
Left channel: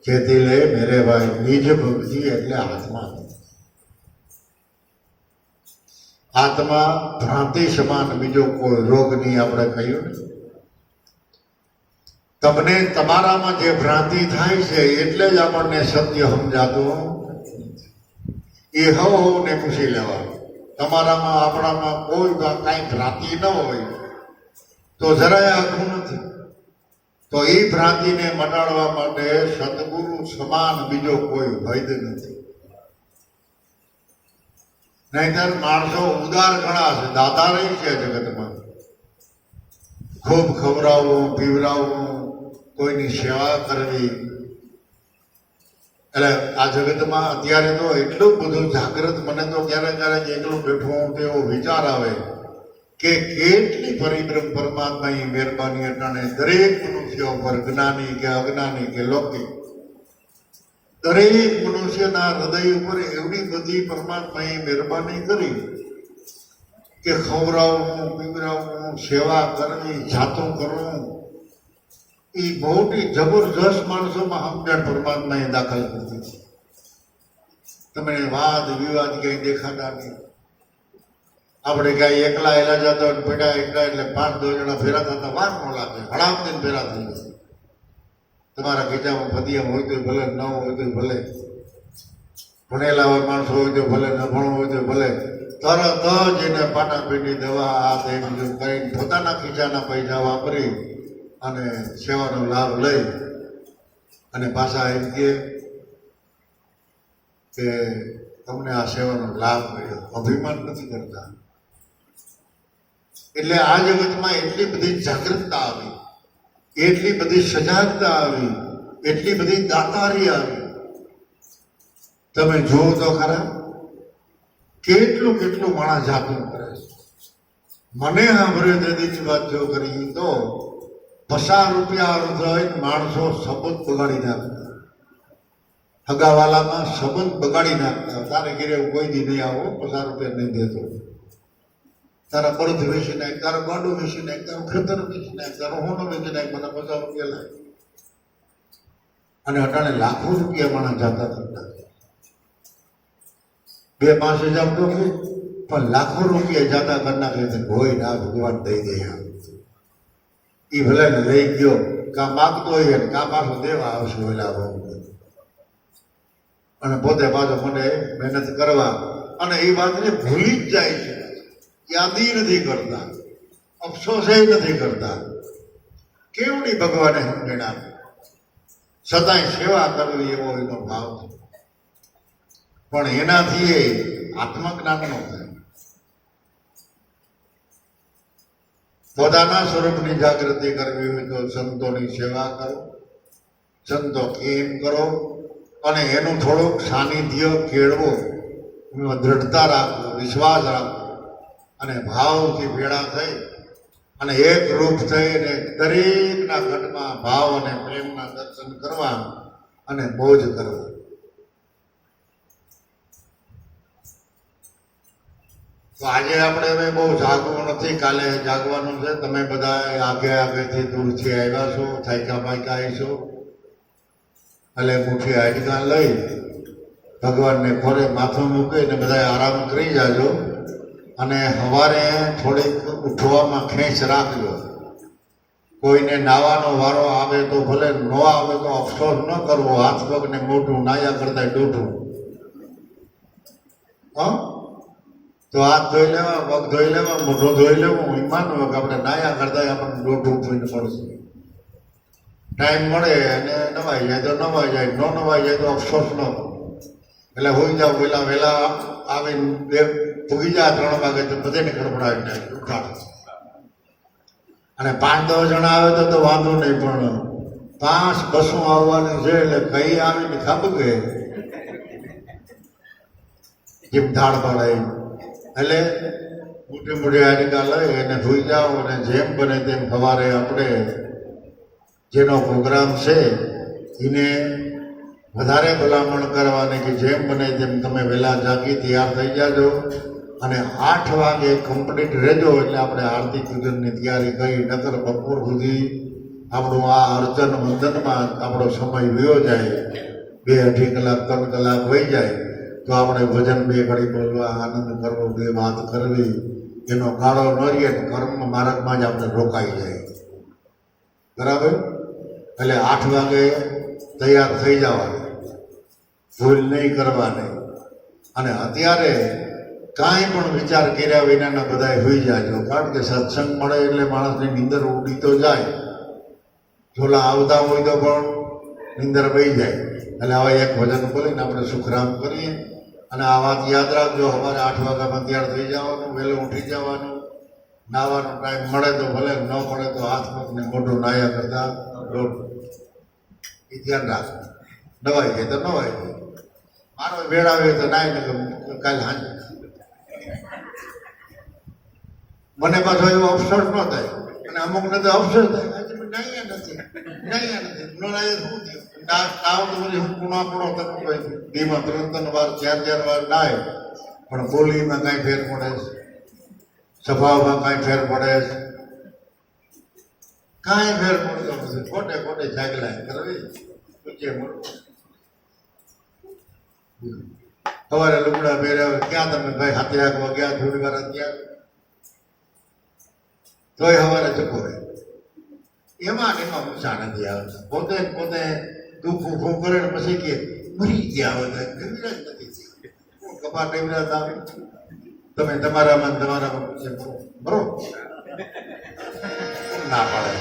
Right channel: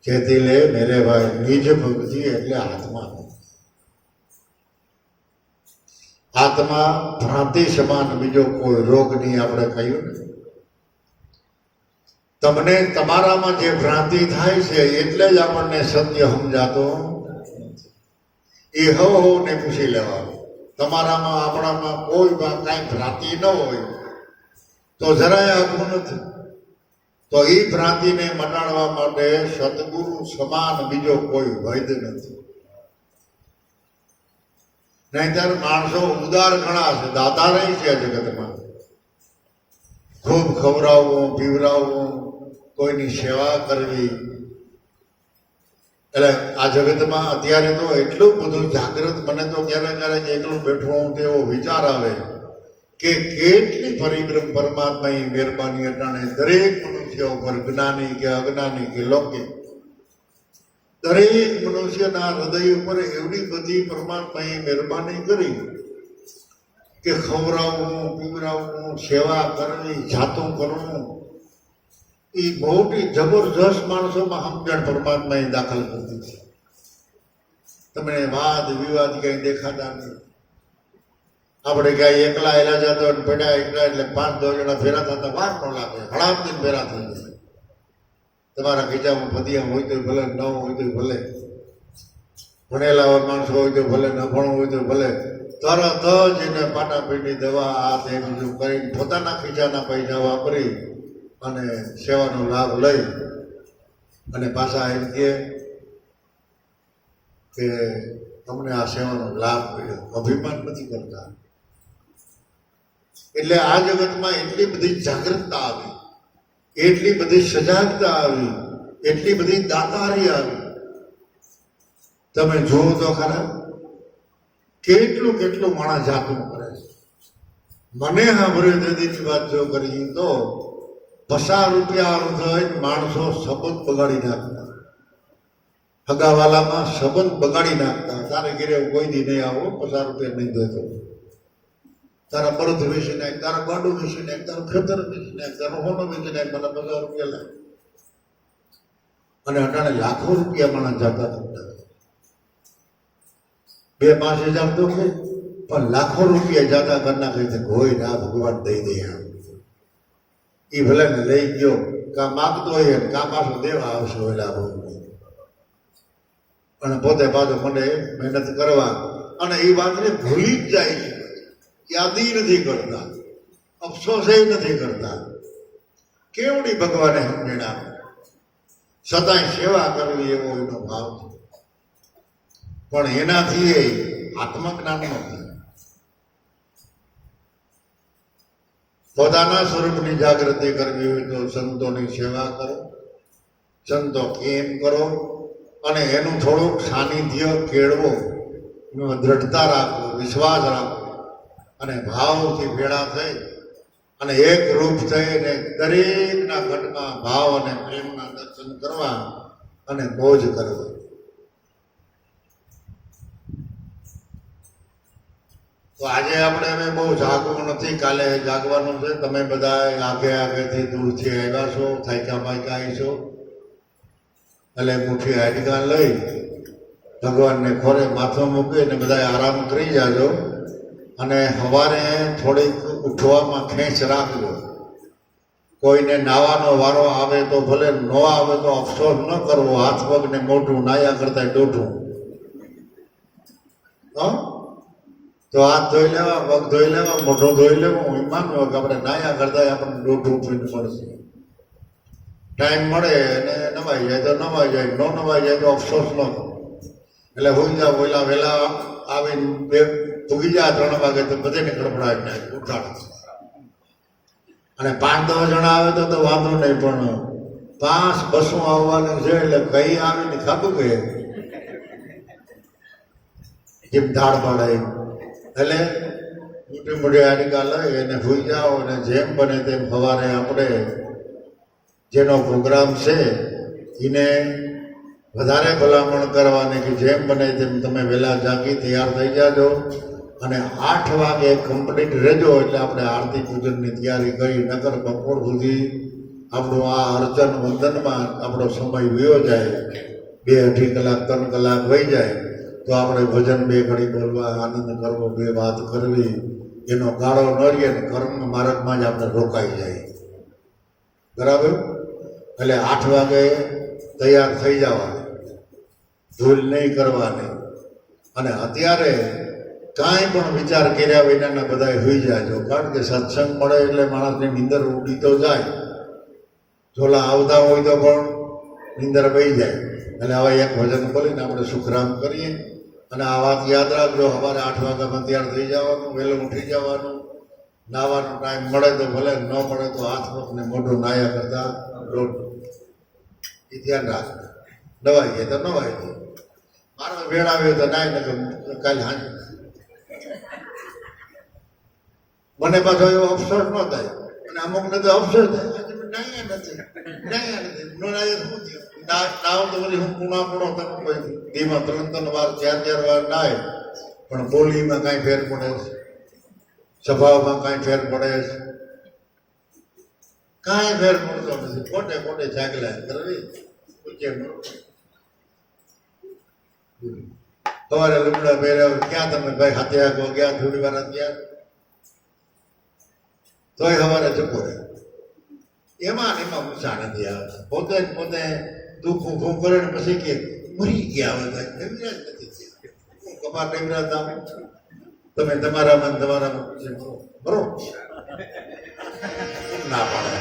ખેતી લે મેરે ભાઈ. નિજ ભક્તિ એટલે આત્મા. આત્મા ભ્રાંતિ સમાન બીજો કોઈ રોગ નહીં. આપણે કહ્યું ને, તમને તમારામાં જે ભ્રાંતિ થાય છે એટલે જ આપણને સત્ય સમજાતો. એ હવને પૂછી લેવા. તમારામાં આપણામાં કોઈ કાંઈ ભ્રાંતિ ન હોય તો જરાય આખું નથી. તો એ ભ્રાંતિને મટાડવા માટે સદગુરુ સમાન બીજો કોઈ વૈદ નથી. નહીંતર માણસો ઉદાર ઘણા છે, દાતા નહીં છે જગતમાં. ખૂબ ખવડાવવું, પીવડાવવું, કોઈની સેવા કરવી. એટલે આ જગતમાં અત્યારે તો એટલું બધું જાગૃત, મને તો ક્યારેક ક્યારેક એકલું બેઠું હું તો એવો વિચાર આવે કે કેટલી પરિક્રમ પરમાત્માની મહેરબાની અટાણે દરેક મનુષ્યો પર, જ્ઞાની કે અજ્ઞાની કે લૌકિક, દરેક મનુષ્યના હૃદય ઉપર એવડી બધી પરમાત્માએ મહેરબાની કરી કે ખવડાવવું, પીવડાવવું, સેવા કરવી, જાતું કરવું, એ મોટી જબરજસ્ત માણસોમાં સમજણ પરમાત્માએ દાખલ કરતી છે. તમને વાદ વિવાદ કઈ દેખાતા નહીં. આપણે કઈ એકલા એલા જતા પેડા એકલા એટલે 5-10 જણા ફેરા થતા વાર ન લાગે, હળામ દિન ફેરા થઈ જશે. તમારા ખીચામાં ફતિયા હોય તો ભલે, ન હોય તો ભલે, ભણેલા માણસો હોય તો ભલે, ન ભણવું હોય તો ભલે, તરત જ એને પાટાપીટી દવા આ તે બધું કરીને પોતાના ખીચાના પૈસા વાપરી અને સેવાનો લાભ લઈ અને પાછા એમ કે તમને આ સેવાનો લાભ મળ્યો. અભિમાન નથી કરતા. એટલે આ જગતમાં એટલી બધી જાગૃતતા આવી, એટલી બધી સજાગતા આવી, એટલી બધી દાતારી આવી. તમે જુઓ તો ખરા કેટલું કેટલું માણસ જાતું કરે છે. મને સાંભળ્યું તેની વાત જો કરી તો 50 રૂપિયા થઈને માણસો સંબંધ બગાડી નાખતા, હગાવાલામાં સંબંધ બગાડી નાખતા. તારે ઘેરે કોઈ દી નહીં આવો, 50 રૂપિયા નહીં દેતો, તારા બળદ વેચી નાખ, તારા ગાડું વેચી નાખ, તારું ખેતર વેચી નાખ, તારું હોનો વેચી નાખ, મને 50 રૂપિયા લાગે. અને અટાણે લાખો રૂપિયા માણસ જાતા કરતા. 2-5 હજાર તો પણ લાખો રૂપિયા જાતા કરી નાખે. હોય ના ભગવાન દઈ દે. એ ભલે લઈ ગયો, કાં માગતો હોય કાં પાછો દેવા આવશે ઓલા બહુ. અને પોતે પાછો મને મહેનત કરવા અને એ વાતને ભૂલી જ જાય છે. યાદી નથી કરતા, અફસોસ એ નથી કરતા. કેવડી ભગવાને સમજણા, છતાંય સેવા કરવી એવો એનો ભાવ છે. પણ એનાથી એ આત્મજ્ઞાન ન થાય. પોતાના સ્વરૂપની જાગૃતિ કરવી હોય તો સંતોની સેવા કરો, સંતો કેમ કરો અને એનું થોડુંક સાનિધ્ય કેળવો, એમાં દ્રઢતા રાખો, વિશ્વાસ રાખો અને ભાવથી ભેળા થઈ અને એક રૂપ થઈ અને દરેકના ઘટમાં ભાવ અને પ્રેમના દર્શન કરવા અને મોજ કરવા. તો આજે આપણે હવે બહુ જાગવું નથી, કાલે જાગવાનું છે. તમે બધા આગેથી દૂરથી આવ્યા છો, થાક્યા પાક્યા આવીશો, એટલે મુઠ્ઠી હાડકા લઈ ભગવાનને ખોરે માથું મૂકી અને બધા આરામ કરી જાજો. અને સવારે થોડીક ઉઠવામાં ખેંચ રાખજો. કોઈને નાવાનો વારો આવે તો ભલે, ન આવે તો અફસોસ ન કરવો. હાથ પગને મોઢું નાયા કરતા દોઢું. તો હાથ ધોઈ લેવા, પગ ધોઈ લેવા, મોઢું ધોઈ લેવું. હું માનવું કે આપણે નાયા કરતા આપણને દોઢું ઉઠીને પડશે. ટાઈમ મળે અને નવાઈ જાય તો નવાઈ જાય, ન નવાઈ જાય તો અફસોસ ન કરો. એટલે હોઈ જાવ, પેલા વહેલા આવીને પૂગી જાય 3 વાગે તો બધાને ગડબડાવી નાખે, ઉઠાડે. અને 5-10 જણા આવે તો વાંધો નહીં, પણ 5 બસો આવવાની છે એટલે કઈ આવીને ખાતું કે જેમ ધાડ પાડે એમ. એટલે મોટી મોટી આડિકા લઈ એને ભૂઈ જાઓ અને જેમ બને તેમ સવારે આપણે જેનો પ્રોગ્રામ છે એને વધારે ભલામણ કરવાની કે જેમ બને તેમ તમે વહેલા જાગી તૈયાર થઈ જાજો અને 8 વાગે કમ્પ્લીટ રહેજો, એટલે આપણે આરતી પૂજનની તૈયારી કરી. નગર બપોર સુધી આપણું આ અર્ચન વંદનમાં આપણો સમય વયો જાય, 2-2.5 કલાક 3 કલાક વહી જાય તો આપણે ભજન 2 ઘડી બોલવા, આનંદ કરવો, 2 વાત કરવી, એનો ગાળો ન રહીએ ને કર્મ માર્ગમાં જ આપણે રોકાઈ જાય. બરાબર? એટલે 8 વાગે તૈયાર થઈ જવાનું, ભૂલ નહીં કરવાની. અને અત્યારે કાંઈ પણ વિચાર કર્યા વિનાના બધા હોઈ જાજો, કારણ કે સત્સંગ મળે એટલે માણસની નીંદર ઉડી તો જાય, ઝોલા આવતા હોય તો પણ નીંદર વહી જાય. એટલે હવે એક ભજન બોલીને આપણે સુખરામ કરીએ. અને આ વાત યાદ રાખજો, સવારે 8 વાગ્યામાં તૈયાર થઈ જવાનું, વહેલું ઉઠી જવાનું, નાવાનો ટાઈમ મળે તો ભલે, ન પડે તો હાથ પગને મોઢું નાયા કરતા લોટ. એ ધ્યાન રાખો. નવાઈ જાય તો નવાઈ જાય, મારો ભેળ આવે તો નાય ને કાલે હાંજ. મને પાછો એવો અફસોસ ન થાય, અને અમુકને તો અફસોસ થાય નાયા નથી ન નાય શું થયું. નાવ તો બધી હું પૂર્ણાપૂર્ણો દીમાં 3-3 વાર 4-4 વાર નાય, પણ બોલીમાં કાંઈ ફેર પડે છે, સ્વભાવમાં કાંઈ ફેર પડે છે? કાંઈ ફેર પડતો નથી. ખોટે ખોટે જાગલા કરવી. સવારે લુગડા પહેર્યા, ક્યાં તમે ભાઈ હાથે આગવા ગયા, થોડી વાર ગયા તોય સવારે જપો રહે. એમાં ઊંચા નથી આવતા. પોતે દુઃખ ઊભું કરે ને પછી કે મરી ગયા હવે ડેમરાજ નથી થયા. કપા ડેમરાજ આવે તમે તમારામાં બરો ના પાડે.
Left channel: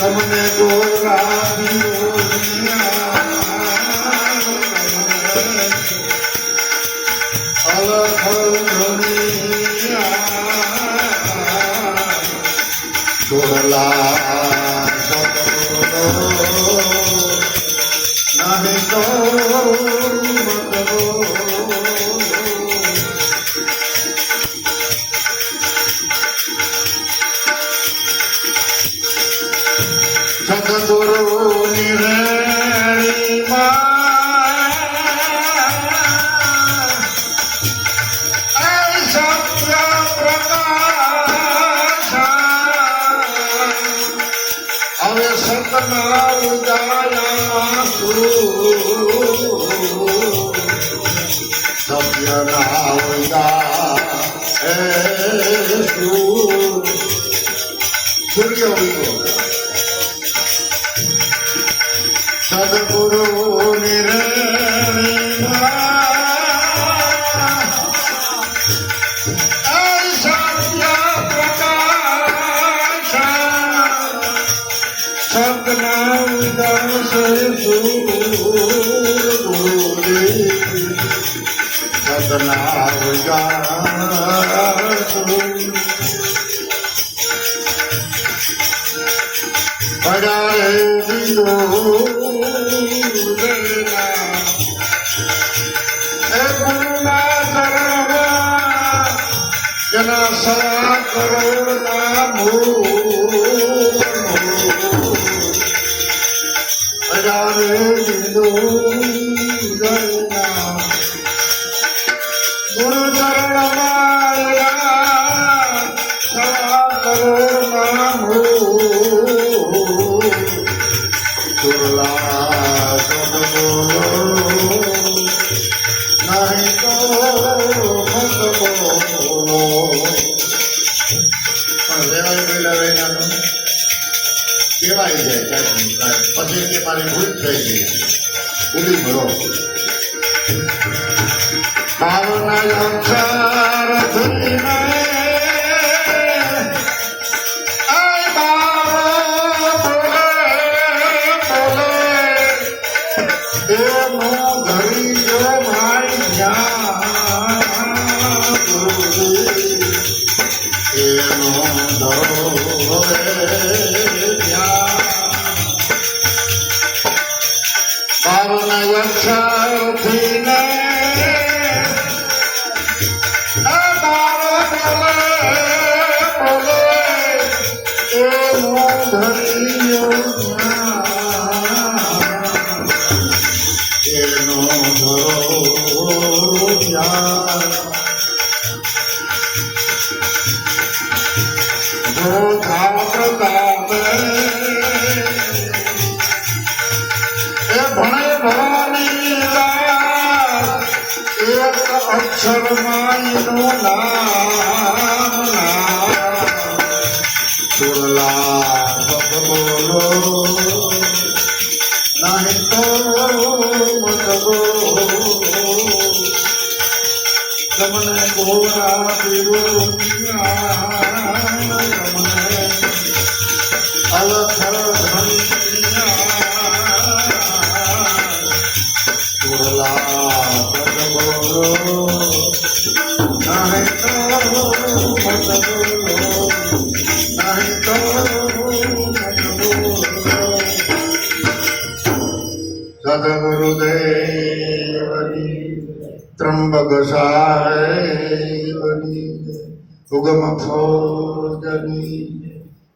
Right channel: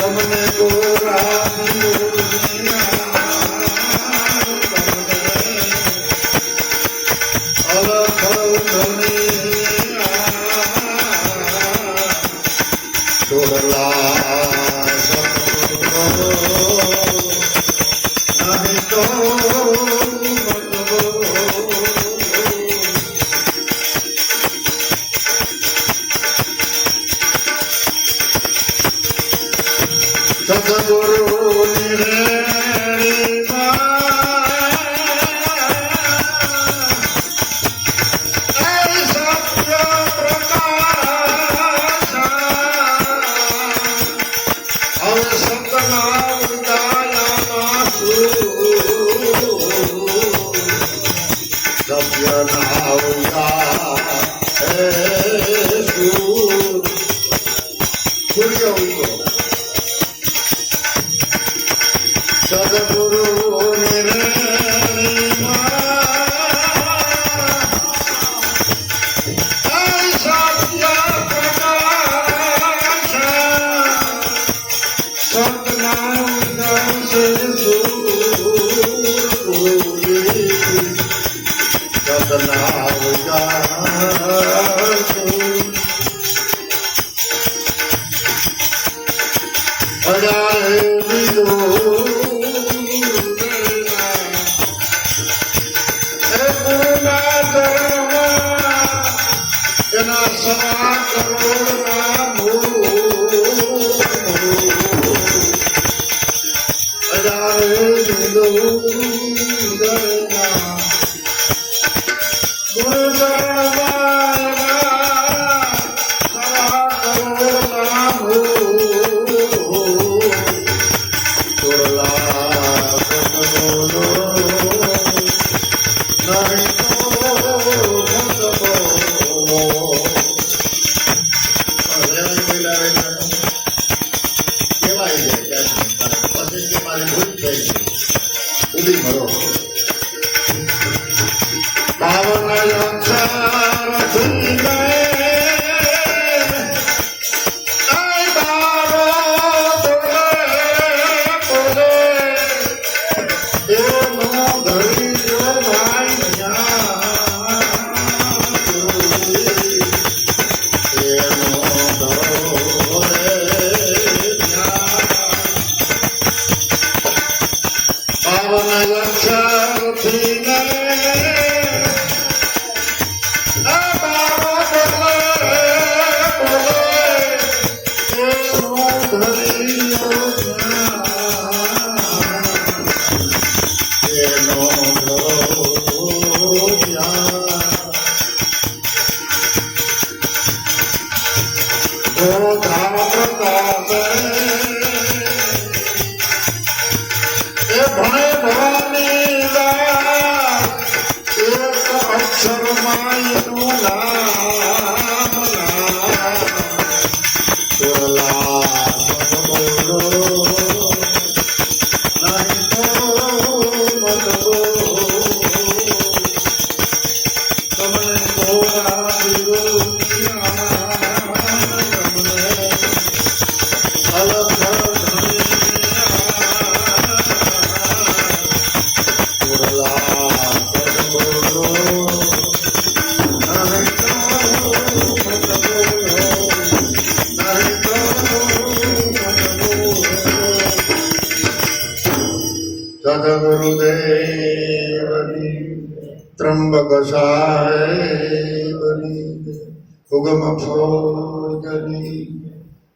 તમને ગોરા અલખ ધોલા નહીં તો સદગુરુ નિરેણી સત્ય પ્રકાશ હવે સતના ઉદાલમાં સત્યના ઉદા સૂર્ય ઉદો સદગુરુ નિરેણી સત્ય પ્રકાશ સતના ઉદાસે સતના ઉદાસ અડારે દીધો સવા કરોડના હજારે ગુરુચરણમાં સવા કરોડના ચોલા સદગુરુદેવની ત્રંબકસાહેબની ઉગમ ફોજની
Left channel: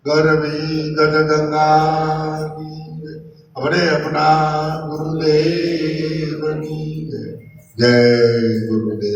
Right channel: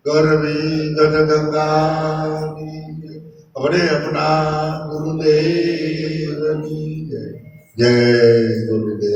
ગરવી ગદગંગાની હરે અપના ગુરુદેવની જય ગુરુદેવ.